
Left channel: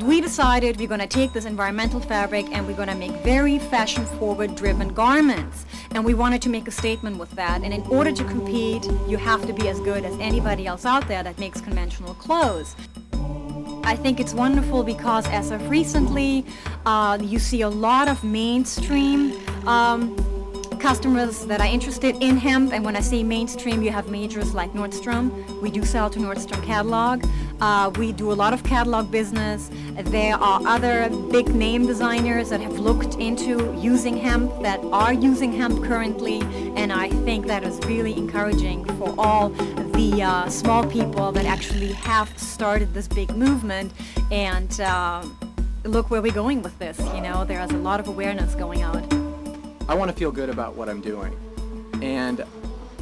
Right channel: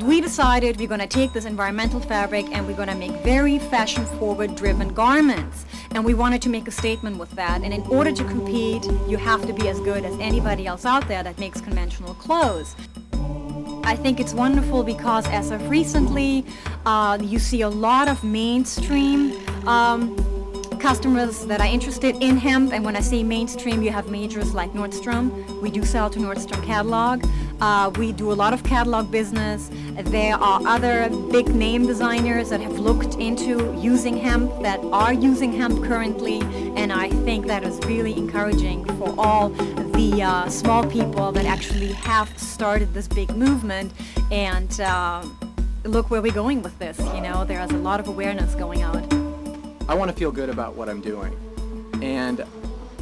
We decided we're going to take this environmental fabric and we're going to make very fashion-forward driven garments. And we wanted to make a statement with that. And in order to compete, you have to be as good as anybody else out there that makes conventional clothes. I think it's wonderful because as of recently, you see a lot of mainstream customers that are interested in hemp, and when I say mainstream, you have majors like Nordstrom. We do sell to Nordstrom catalog. We do a lot of catalog business. There are other big name designers that have looked into using hemp, that are using hemp currently, and I think that is really encouraging for all the small people that actually have started this big movement. And look where we're going with this. You know, there is a lot of awareness going out. I want to feel good about what I'm doing, and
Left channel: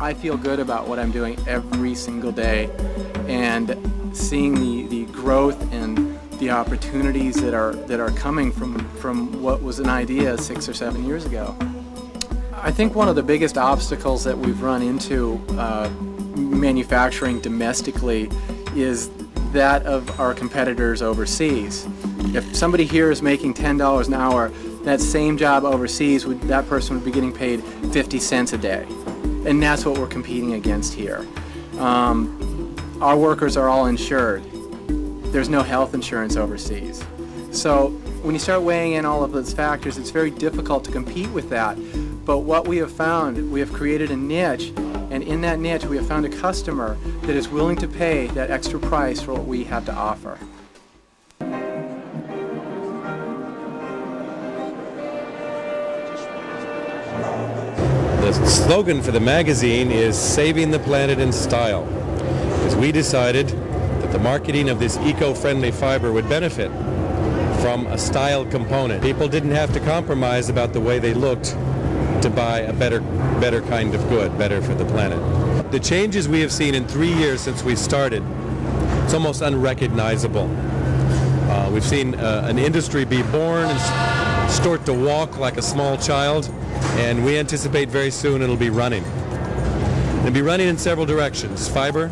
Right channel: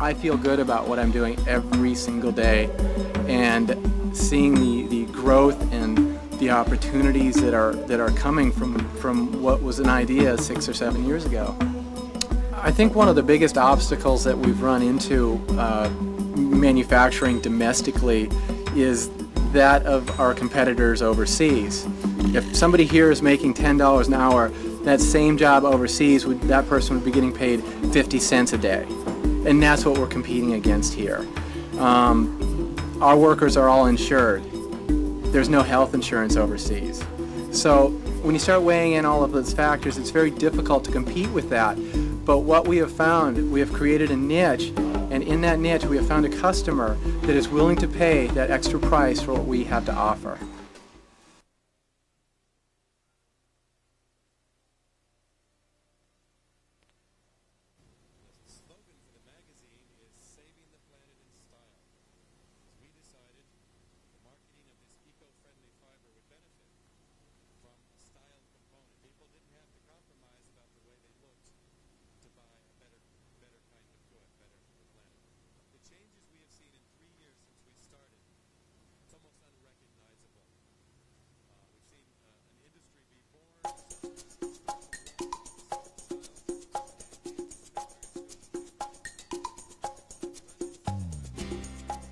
I feel good about what I'm doing every single day, and seeing the growth and the opportunities that are coming from what was an idea 6 or 7 years ago. I think one of the biggest obstacles that we've run into manufacturing domestically is that of our competitors overseas. If somebody here is making $10 an hour, that same job overseas, that person would be getting paid 50 cents a day. And that's what we're competing against here. Our workers are all insured. There's no health insurance overseas. So when you start weighing in all of those factors, it's very difficult to compete with that. But what we have found, we have created a niche, and in that niche we have found a customer that is willing to pay that extra price for what we have to offer. The slogan for the magazine is "Saving the Planet in Style," because we decided that the marketing of this eco-friendly fiber would benefit from a style component. People didn't have to compromise about the way they looked to buy a better kind of good, better for the planet. The changes we have seen in 3 years since we started, it's almost unrecognizable. We've seen an industry be born and start to walk like a small child, and we anticipate very soon it'll be running. It'll be running in several directions: fiber,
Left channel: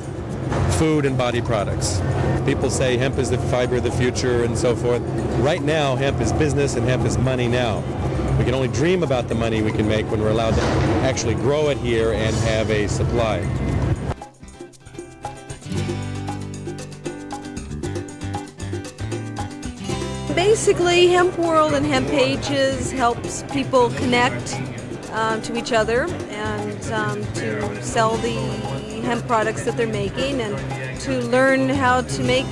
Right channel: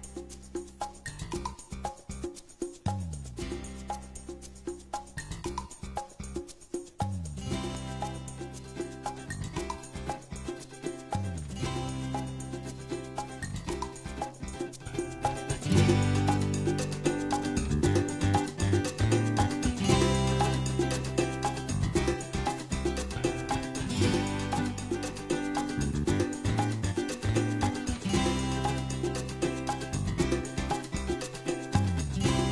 food, and body products. People say hemp is the fiber of the future and so forth. Right now, hemp is business and hemp is money now. We can only dream about the money we can make when we're allowed to actually grow it here and have a supply. Basically, Hemp World and Hemp Pages helps people connect to each other and to sell the hemp products that they're making and to learn how to make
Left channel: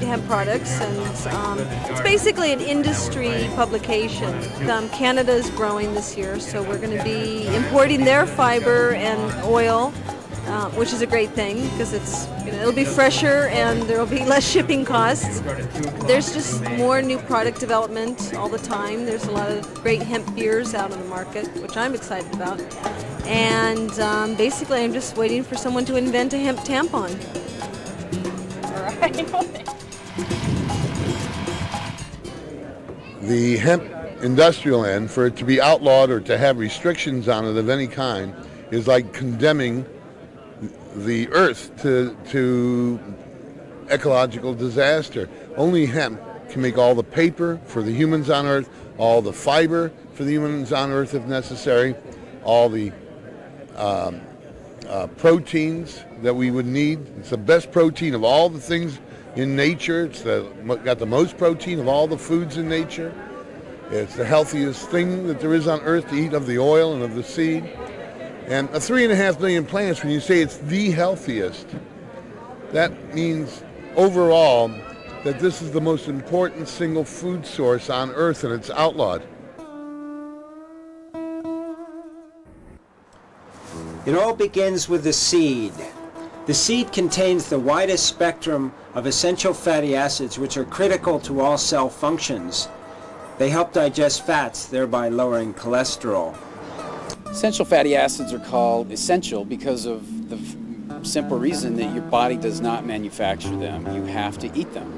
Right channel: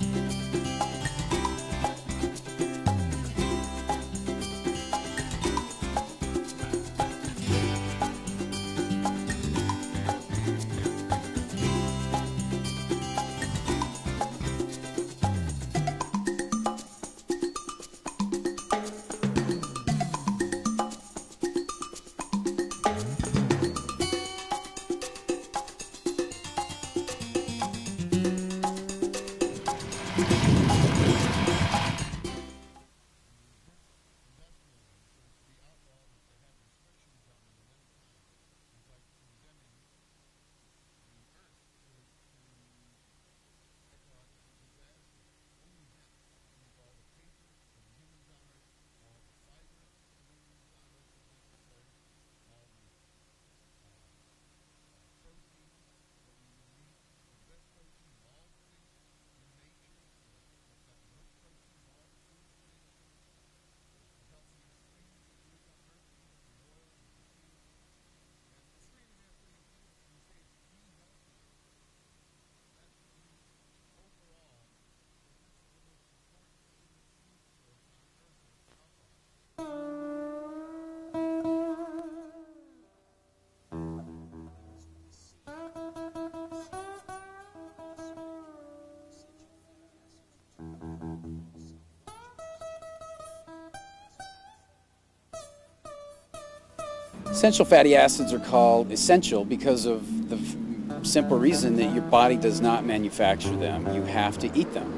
hemp products. And it's basically an industry publication. Canada is growing this year, so we're going to be importing their fiber and oil, which is a great thing because it'll be fresher and there will be less shipping costs. There's just more new product development all the time. There's a lot of great hemp beers out on the market, which I'm excited about. And basically, I'm just waiting for someone to invent a hemp tampon. The hemp industrial end, for it to be outlawed or to have restrictions on it of any kind, is like condemning the earth to ecological disaster. Only hemp can make all the paper for the humans on earth, all the fiber for the humans on earth if necessary, all the proteins that we would need. It's the best protein of all the things in nature. It's got the most protein of all the foods in nature. It's the healthiest thing that there is on earth to eat of the oil and of the seed. And 3.5 million plants, when you say it's the healthiest, that means overall that this is the most important single food source on earth, and it's outlawed. It all begins with the seed. The seed contains the widest spectrum of essential fatty acids which are critical to all cell functions. They help digest fats, thereby lowering cholesterol. Essential fatty acids are called essential because of the simple reason that your body does not manufacture them. You have to eat them.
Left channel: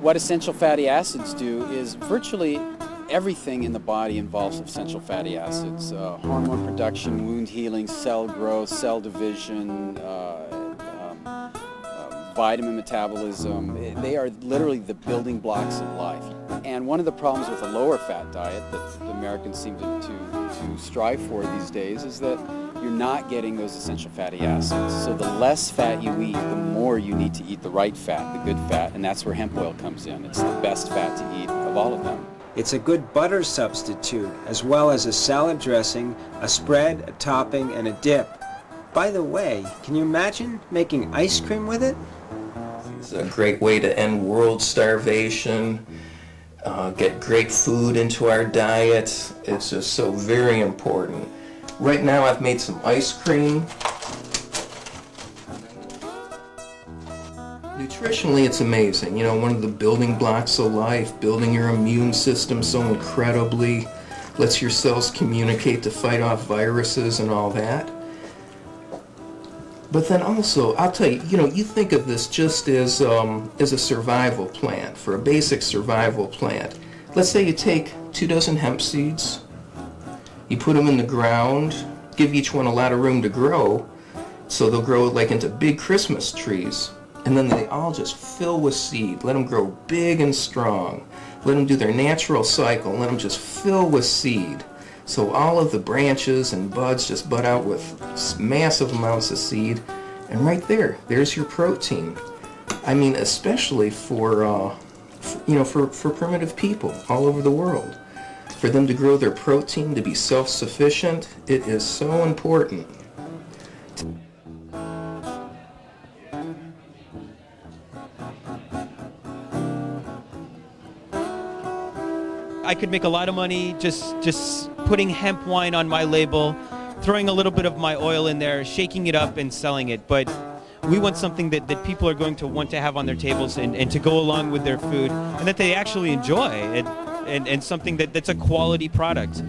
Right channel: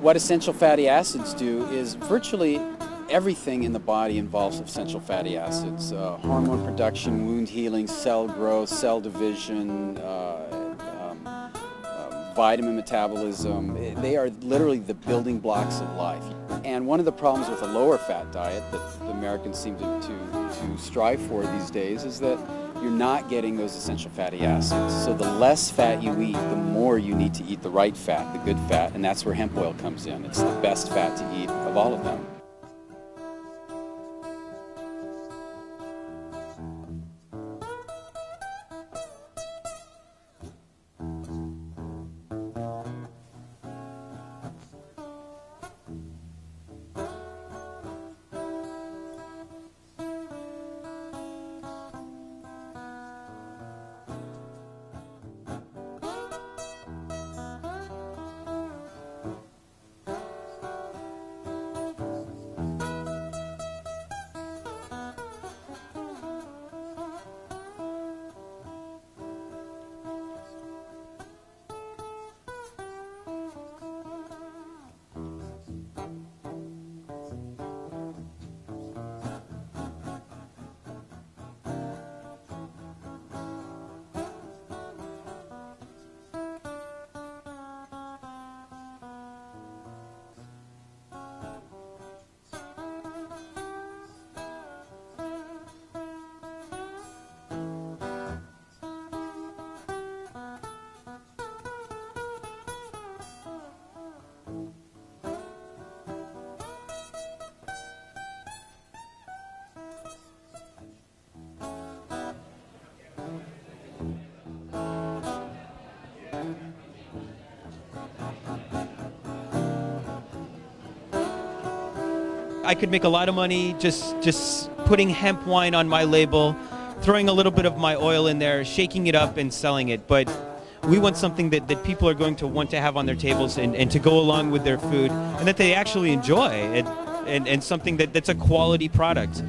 What essential fatty acids do is virtually everything in the body involves essential fatty acids. Hormone production, wound healing, cell growth, cell division, vitamin metabolism. They are literally the building blocks of life. And one of the problems with a lower fat diet that the Americans seem to strive for these days is that you're not getting those essential fatty acids. So the less fat you eat, the more you need to eat the right fat, the good fat, and that's where hemp oil comes in. It's the best fat to eat of all of them. It's a good butter substitute, as well as a salad dressing, a spread, a topping, and a dip. By the way, can you imagine making ice cream with it? It's a great way to end world starvation, get great food into our diet. It's just so very important. Right now I've made some ice cream. Nutritionally it's amazing. You know, one of the building blocks of life, building your immune system so incredibly, lets your cells communicate to fight off viruses and all that. But then also, I'll tell you, you think of this just as a survival plant, for a basic survival plant. Let's say you take 2 dozen hemp seeds, you put them in the ground, give each one a lot of room to grow, so they'll grow like into big Christmas trees. And then they all just fill with seed. Let them grow big and strong. Let them do their natural cycle. Let them just fill with seed. So all of the branches and buds just bud out with massive amounts of seed. And right there's your protein. I mean, especially for primitive people all over the world. For them to grow their protein, to be self-sufficient, it is so important. I could make a lot of money just putting hemp wine on my label, throwing a little bit of my oil in there, shaking it up and selling it. But we want something that people are going to want to have on their tables and to go along with their food, and that they actually enjoy, and something that's a quality product.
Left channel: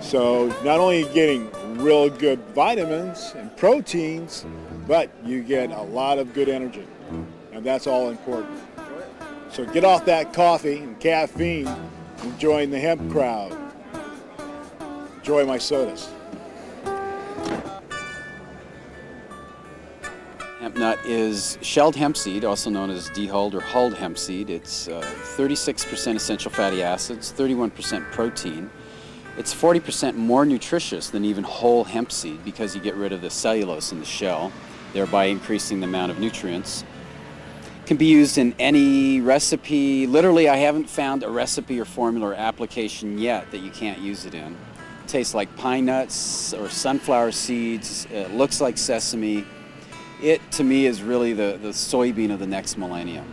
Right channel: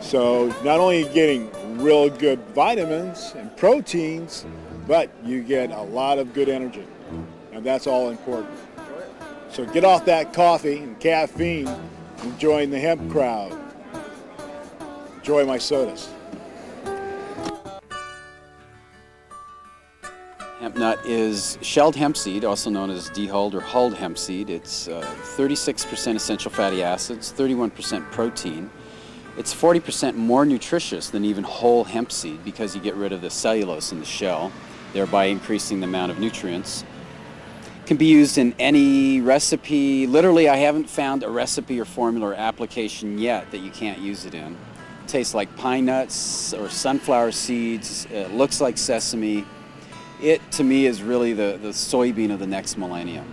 So not only are you getting real good vitamins and proteins, but you get a lot of good energy, and that's all important. So get off that coffee and caffeine and join the hemp crowd. Enjoy my sodas. Hemp nut is shelled hemp seed, also known as dehulled or hulled hemp seed. It's 36% essential fatty acids, 31% protein. It's 40% more nutritious than even whole hemp seed because you get rid of the cellulose in the shell, thereby increasing the amount of nutrients. It can be used in any recipe. Literally, I haven't found a recipe or formula or application yet that you can't use it in. It tastes like pine nuts or sunflower seeds. It looks like sesame. It, to me, is really the soybean of the next millennium.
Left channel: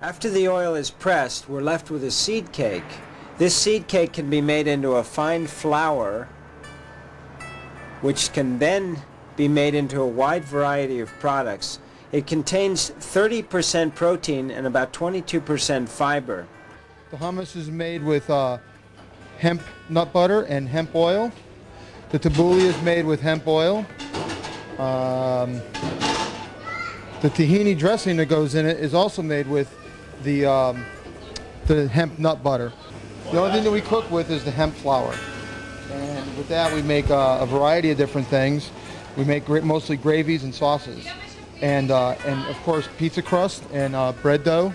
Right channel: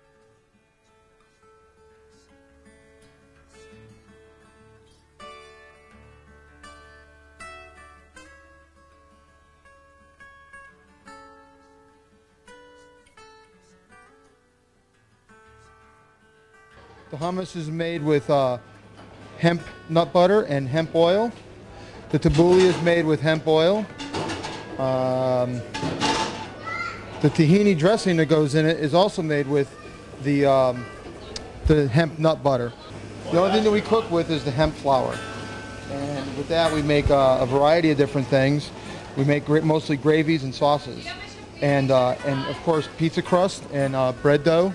After the oil is pressed, we're left with a seed cake. This seed cake can be made into a fine flour, which can then be made into a wide variety of products. It contains 30% protein and about 22% fiber. The hummus is made with hemp nut butter and hemp oil. The tabbouleh is made with hemp oil. The tahini dressing that goes in it is also made with the hemp nut butter. The only thing that we cook with is the hemp flour. And with that we make a variety of different things. We make mostly gravies and sauces. And of course pizza crust and bread dough.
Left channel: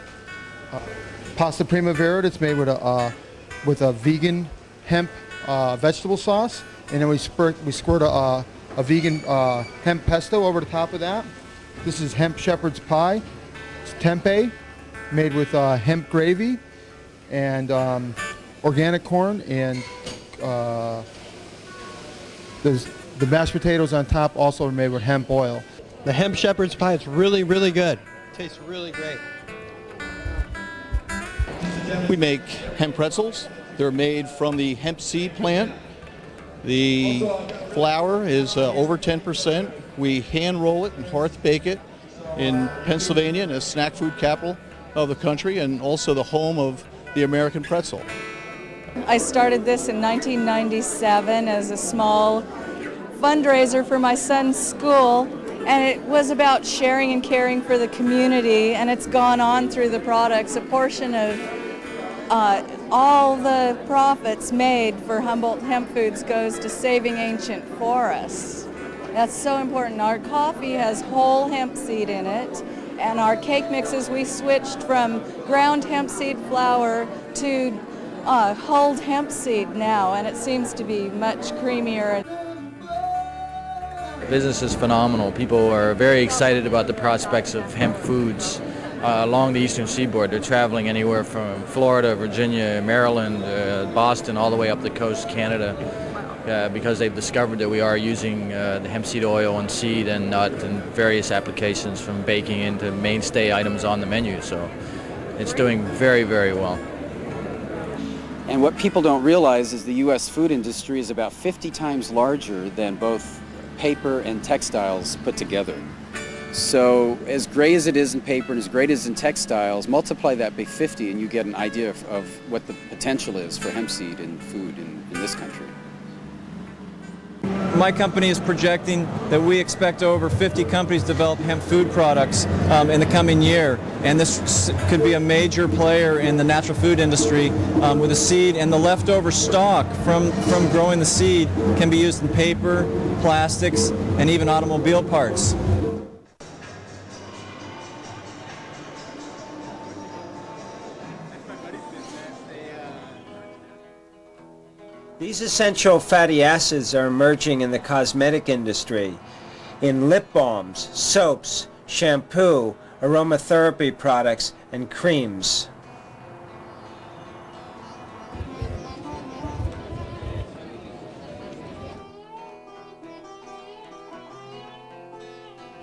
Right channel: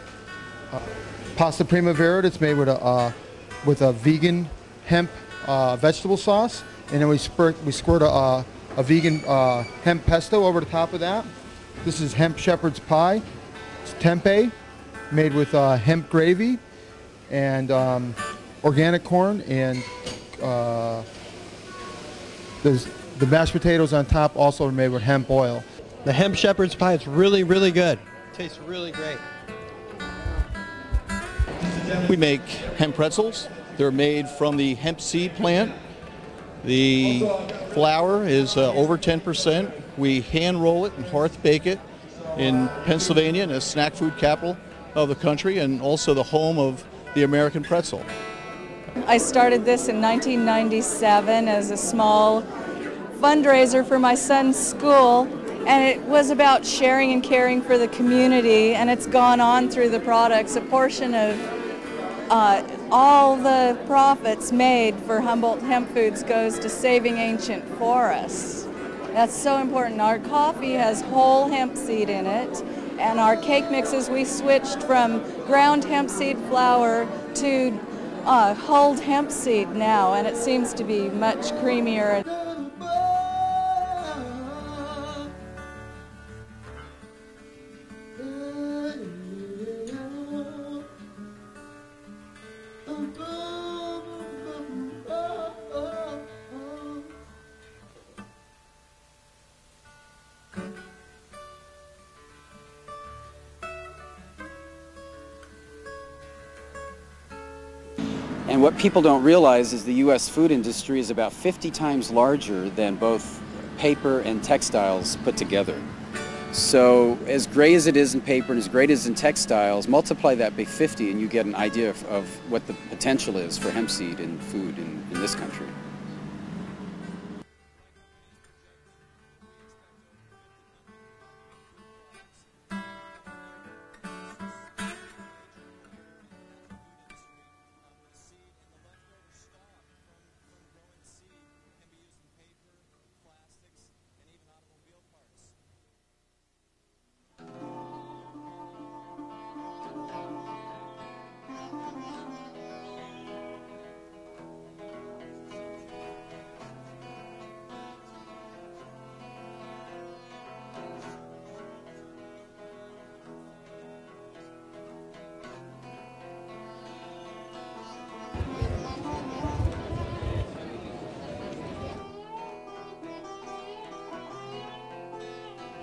Pasta primavera that's made with a vegan hemp vegetable sauce. And then we squirt a vegan hemp pesto over the top of that. This is hemp shepherd's pie. It's tempeh, made with hemp gravy and organic corn, and the mashed potatoes on top also are made with hemp oil. The hemp shepherd's pie is really, really good. Tastes really great. We make hemp pretzels. They're made from the hemp seed plant. The flour is over 10%. We hand roll it and hearth bake it in Pennsylvania, the snack food capital of the country, and also the home of the American pretzel. I started this in 1997 as a small fundraiser for my son's school, and it was about sharing and caring for the community, and it's gone on through the products. A portion of all the profits made for Humboldt Hemp Foods goes to saving ancient forests. That's so important. Our coffee has whole hemp seed in it, and our cake mixes, we switched from ground hemp seed flour to hulled hemp seed now, and it seems to be much creamier. The business is phenomenal. People are very excited about the prospects of hemp foods along the eastern seaboard. They're traveling anywhere from Florida, Virginia, Maryland, Boston, all the way up the coast, Canada, because they've discovered that we are using the hemp seed oil and seed and nut and various applications, from baking into mainstay items on the menu. So it's doing very, very well. And what people don't realize is the U.S. food industry is about 50 times larger than both paper and textiles put together. So as great as it is in paper and as great as in textiles, multiply that by 50 and you get an idea of what the potential is for hemp seed in food in this country. My company is projecting that we expect over 50 companies to develop hemp food products in the coming year. And this could be a major player in the natural food industry with the seed, and the leftover stock from growing the seed can be used in paper, plastics, and even automobile parts. These essential fatty acids are emerging in the cosmetic industry, in lip balms, soaps, shampoo, aromatherapy products, and creams.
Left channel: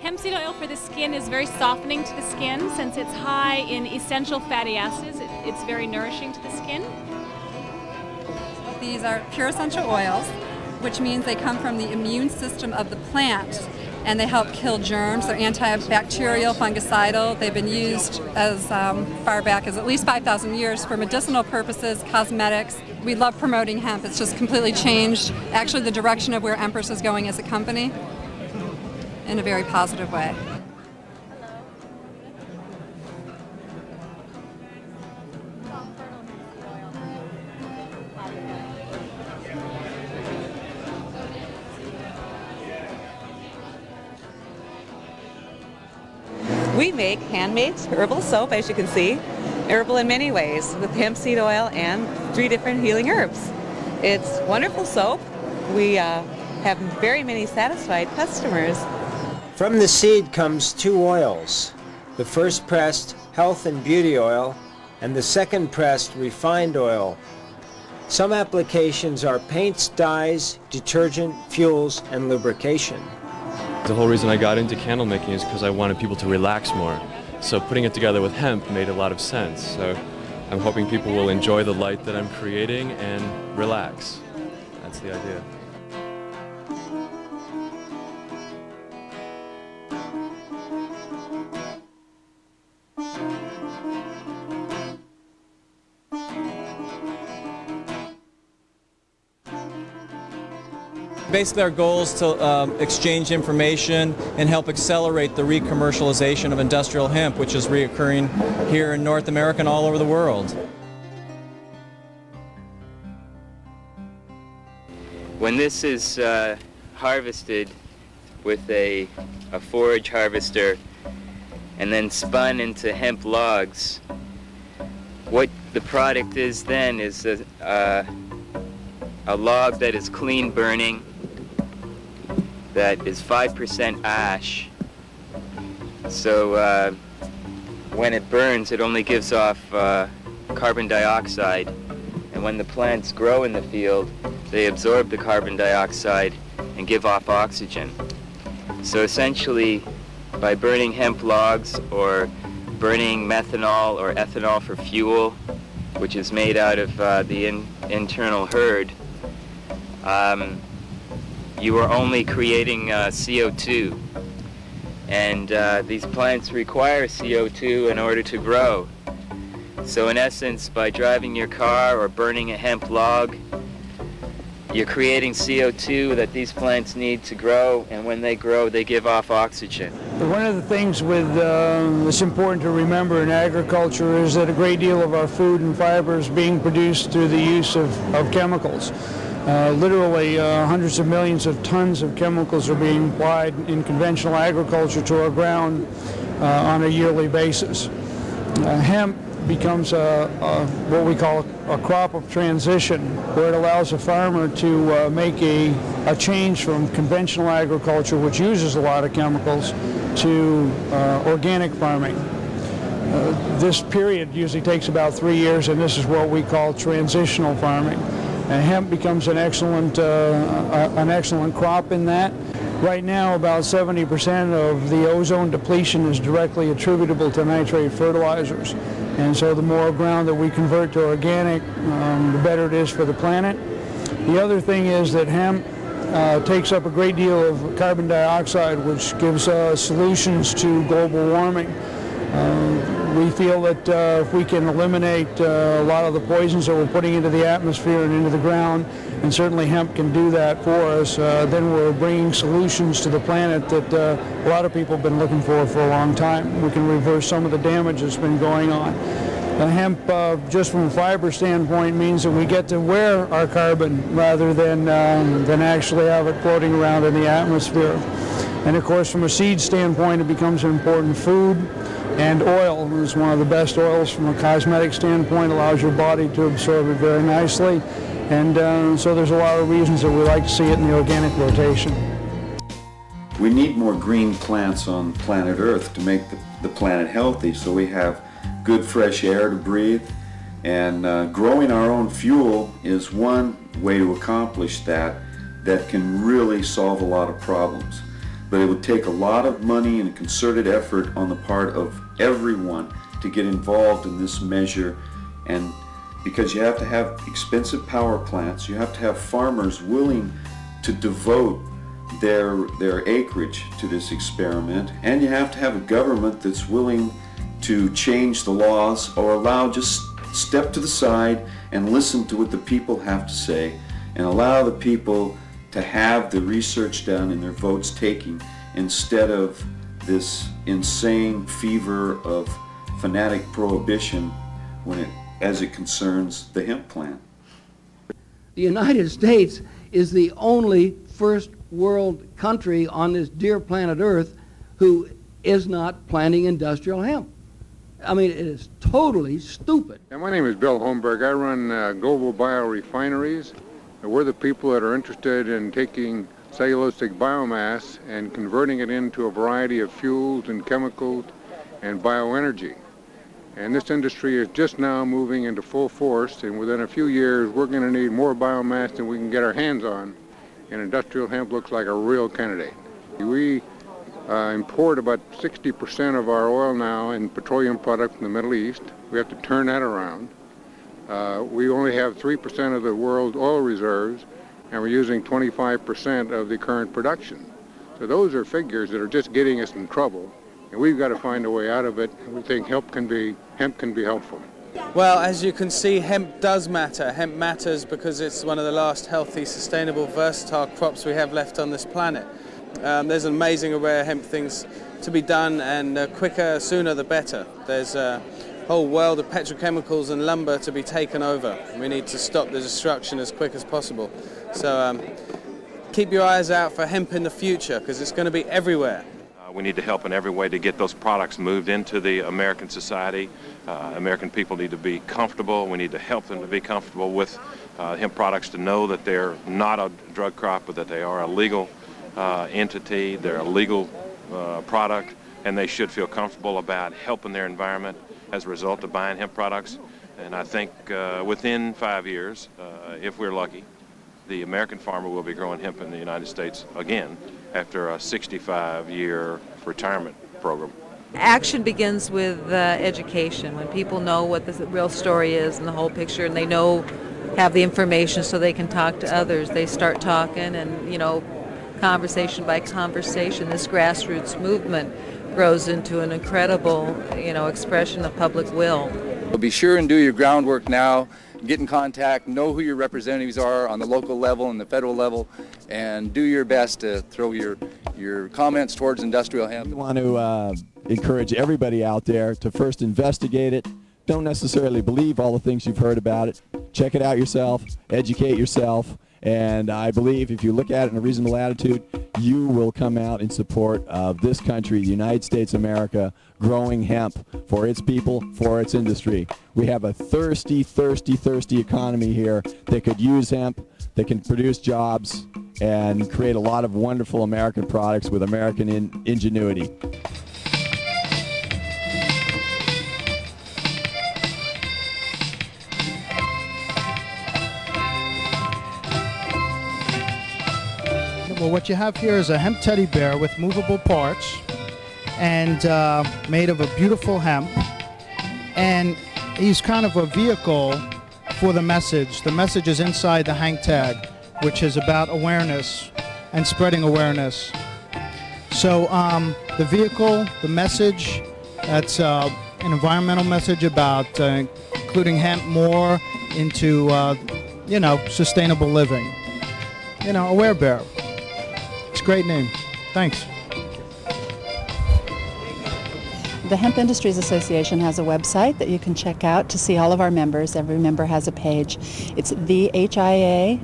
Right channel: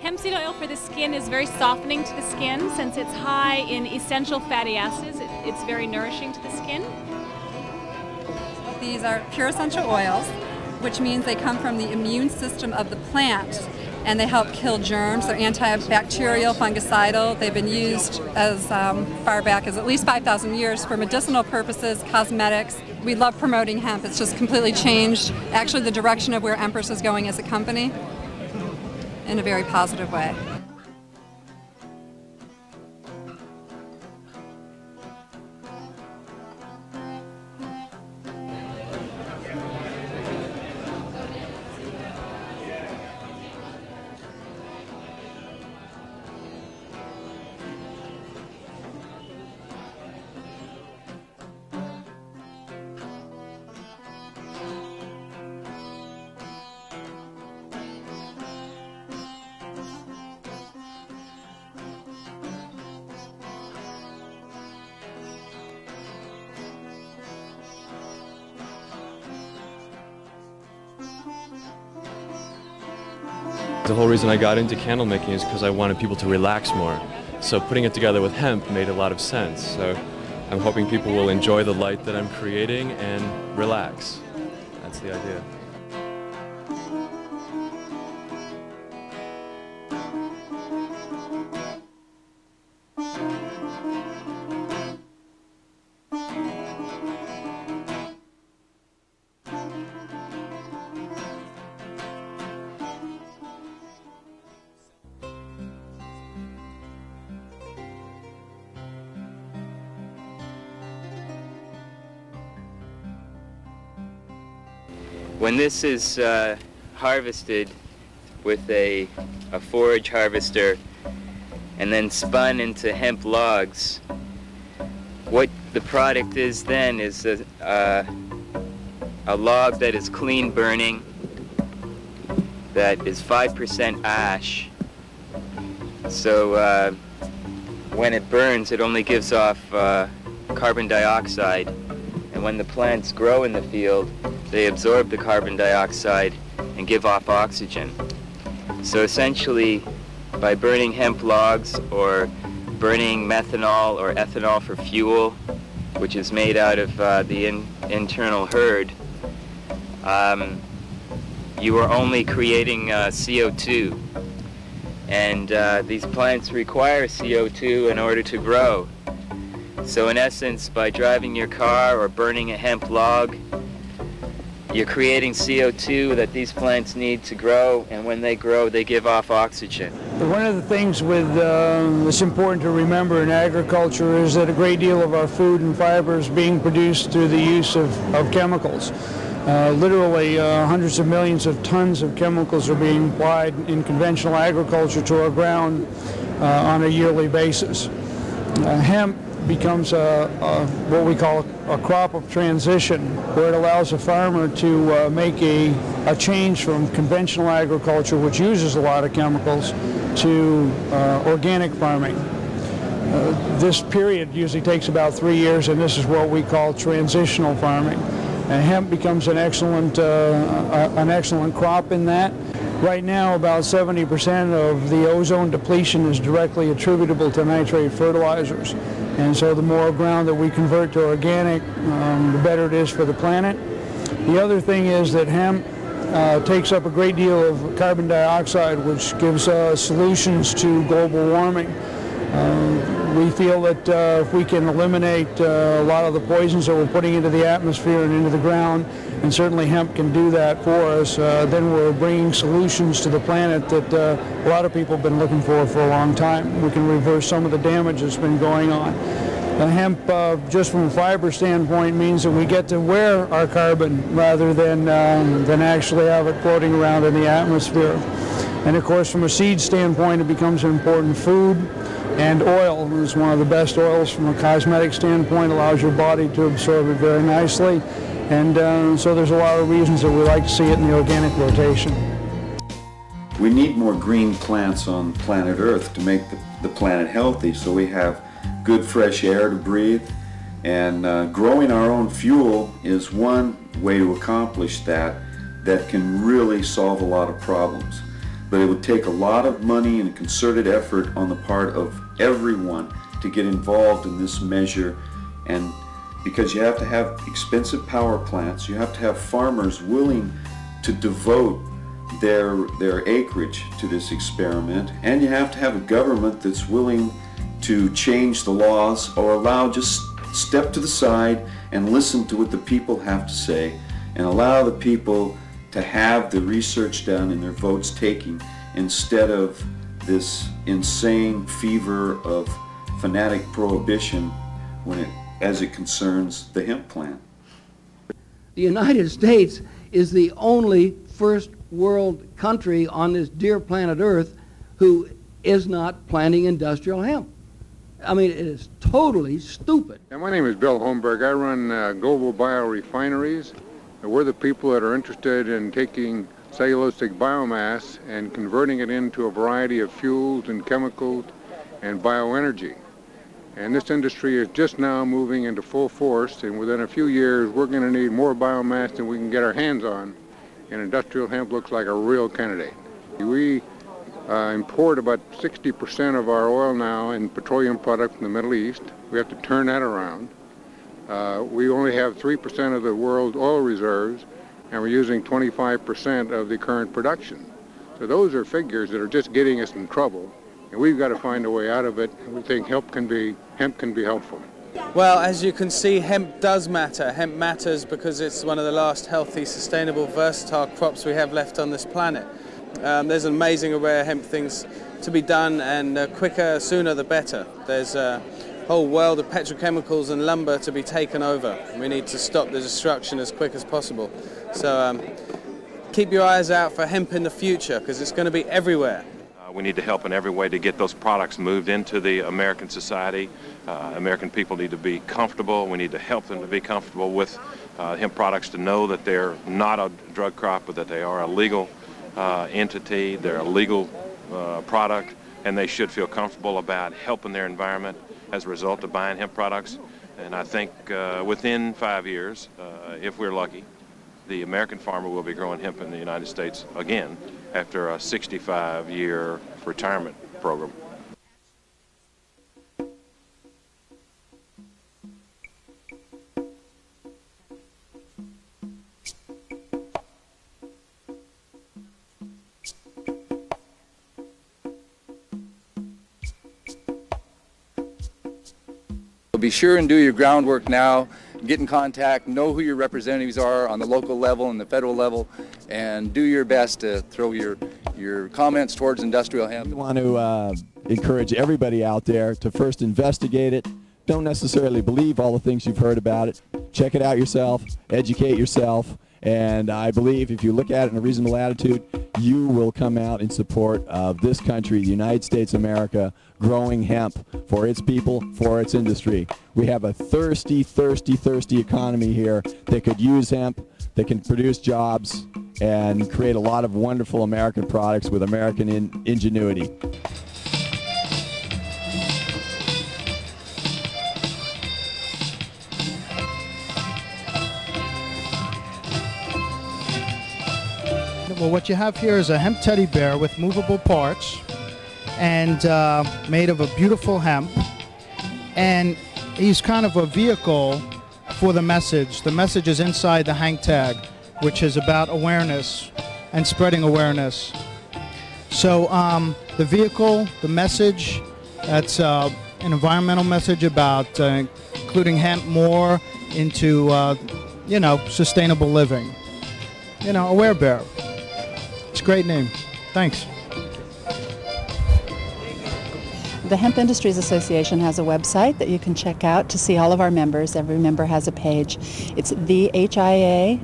Hemp seed oil for the skin is very softening to the skin since it's high in essential fatty acids. It's very nourishing to the skin. These are pure essential oils, which means they come from the immune system of the plant, and they help kill germs. They're antibacterial, fungicidal. They've been used as far back as at least 5,000 years for medicinal purposes, cosmetics. We love promoting hemp. It's just completely changed, actually, the direction of where Empress is going as a company in a very positive way. We make handmade herbal soap, as you can see, herbal in many ways, with hemp seed oil and 3 different healing herbs. It's wonderful soap. We have very many satisfied customers. From the seed comes 2 oils. The first pressed, health and beauty oil, and the second pressed, refined oil. Some applications are paints, dyes, detergent, fuels, and lubrication. The whole reason I got into candle making is because I wanted people to relax more. So putting it together with hemp made a lot of sense. So I'm hoping people will enjoy the light that I'm creating and relax. That's the idea. Basically, our goal is to exchange information and help accelerate the re-commercialization of industrial hemp, which is reoccurring here in North America and all over the world. When this is harvested with a forage harvester and then spun into hemp logs, what the product is then is a log that is clean burning, that is 5% ash. So when it burns, it only gives off carbon dioxide. And when the plants grow in the field, they absorb the carbon dioxide and give off oxygen. So essentially, by burning hemp logs or burning methanol or ethanol for fuel, which is made out of the internal herd, you are only creating CO2. And these plants require CO2 in order to grow. So in essence, by driving your car or burning a hemp log, you're creating CO2 that these plants need to grow, and when they grow, they give off oxygen. One of the things that's important to remember in agriculture is that a great deal of our food and fiber is being produced through the use of chemicals. Literally hundreds of millions of tons of chemicals are being applied in conventional agriculture to our ground on a yearly basis. Hemp becomes what we call a crop of transition, where it allows a farmer to make a change from conventional agriculture, which uses a lot of chemicals, to organic farming. This period usually takes about 3 years, and this is what we call transitional farming. And hemp becomes an excellent crop in that. Right now, about 70% of the ozone depletion is directly attributable to nitrate fertilizers. And so the more ground that we convert to organic, the better it is for the planet. The other thing is that hemp takes up a great deal of carbon dioxide, which gives solutions to global warming. We feel that if we can eliminate a lot of the poisons that we're putting into the atmosphere and into the ground, and certainly hemp can do that for us, then we're bringing solutions to the planet that a lot of people have been looking for a long time. We can reverse some of the damage that's been going on. Hemp, just from a fiber standpoint, means that we get to wear our carbon rather than actually have it floating around in the atmosphere. And of course, from a seed standpoint, it becomes an important food. And oil is one of the best oils from a cosmetic standpoint, allows your body to absorb it very nicely. And so there's a lot of reasons that we like to see it in the organic rotation. We need more green plants on planet Earth to make the planet healthy, so we have good fresh air to breathe. And growing our own fuel is one way to accomplish that can really solve a lot of problems. But it would take a lot of money and a concerted effort on the part of everyone to get involved in this measure, and because you have to have expensive power plants, you have to have farmers willing to devote their acreage to this experiment, and you have to have a government that's willing to change the laws or just step to the side and listen to what the people have to say and allow the people to have the research done and their votes taken instead of this insane fever of fanatic prohibition as it concerns the hemp plant. The United States is the only first world country on this dear planet Earth who is not planting industrial hemp. I mean, it is totally stupid. Yeah, my name is Bill Holmberg. I run Global Biorefineries. We're the people that are interested in taking cellulosic biomass and converting it into a variety of fuels and chemicals and bioenergy. And this industry is just now moving into full force, and within a few years we're going to need more biomass than we can get our hands on, and industrial hemp looks like a real candidate. We import about 60% of our oil now in petroleum products from the Middle East. We have to turn that around. We only have 3% of the world's oil reserves, and we're using 25% of the current production. So those are figures that are just getting us in trouble, and we've got to find a way out of it, and we think hemp can be helpful. Well, as you can see, hemp does matter. Hemp matters because it's one of the last healthy, sustainable, versatile crops we have left on this planet. There's an amazing array of hemp things to be done, and quicker, sooner the better. There's a whole world of petrochemicals and lumber to be taken over. We need to stop the destruction as quick as possible. So keep your eyes out for hemp in the future, because it's going to be everywhere. We need to help in every way to get those products moved into the American society. American people need to be comfortable. We need to help them to be comfortable with hemp products, to know that they're not a drug crop, but that they are a legal entity, they're a legal product, and they should feel comfortable about helping their environment as a result of buying hemp products. And I think within 5 years, if we're lucky, the American farmer will be growing hemp in the United States again after a 65-year retirement program. Action begins with education. When people know what the real story is and the whole picture, and they have the information so they can talk to others, they start talking, and conversation by conversation, this grassroots movement grows into an incredible, expression of public will. So be sure and do your groundwork now. Get in contact, know who your representatives are on the local level and the federal level, and do your best to throw your comments towards industrial hemp. We want to encourage everybody out there to first investigate it. Don't necessarily believe all the things you've heard about it. Check it out yourself, educate yourself, and I believe if you look at it in a reasonable attitude, you will come out in support of this country, the United States of America, growing hemp for its people, for its industry. We have a thirsty, thirsty, thirsty economy here that could use hemp, that can produce jobs, and create a lot of wonderful American products with American ingenuity. Well, what you have here is a hemp teddy bear with movable parts and made of a beautiful hemp. And he's kind of a vehicle for the message. The message is inside the hang tag. which is about awareness and spreading awareness. So the vehicle, the message, that's an environmental message about including hemp more into, sustainable living. Aware Bear. It's a great name. Thanks. The Hemp Industries Association has a website that you can check out to see all of our members. Every member has a page. It's thehia.org.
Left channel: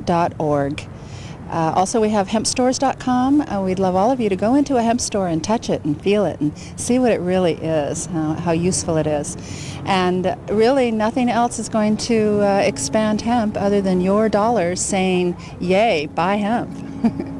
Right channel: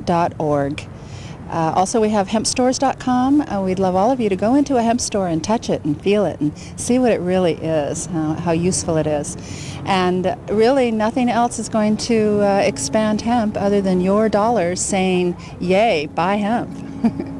Also, we have hempstores.com. We'd love all of you to go into a hemp store and touch it and feel it and see what it really is, how useful it is. And really, nothing else is going to expand hemp other than your dollars saying, yay, buy hemp.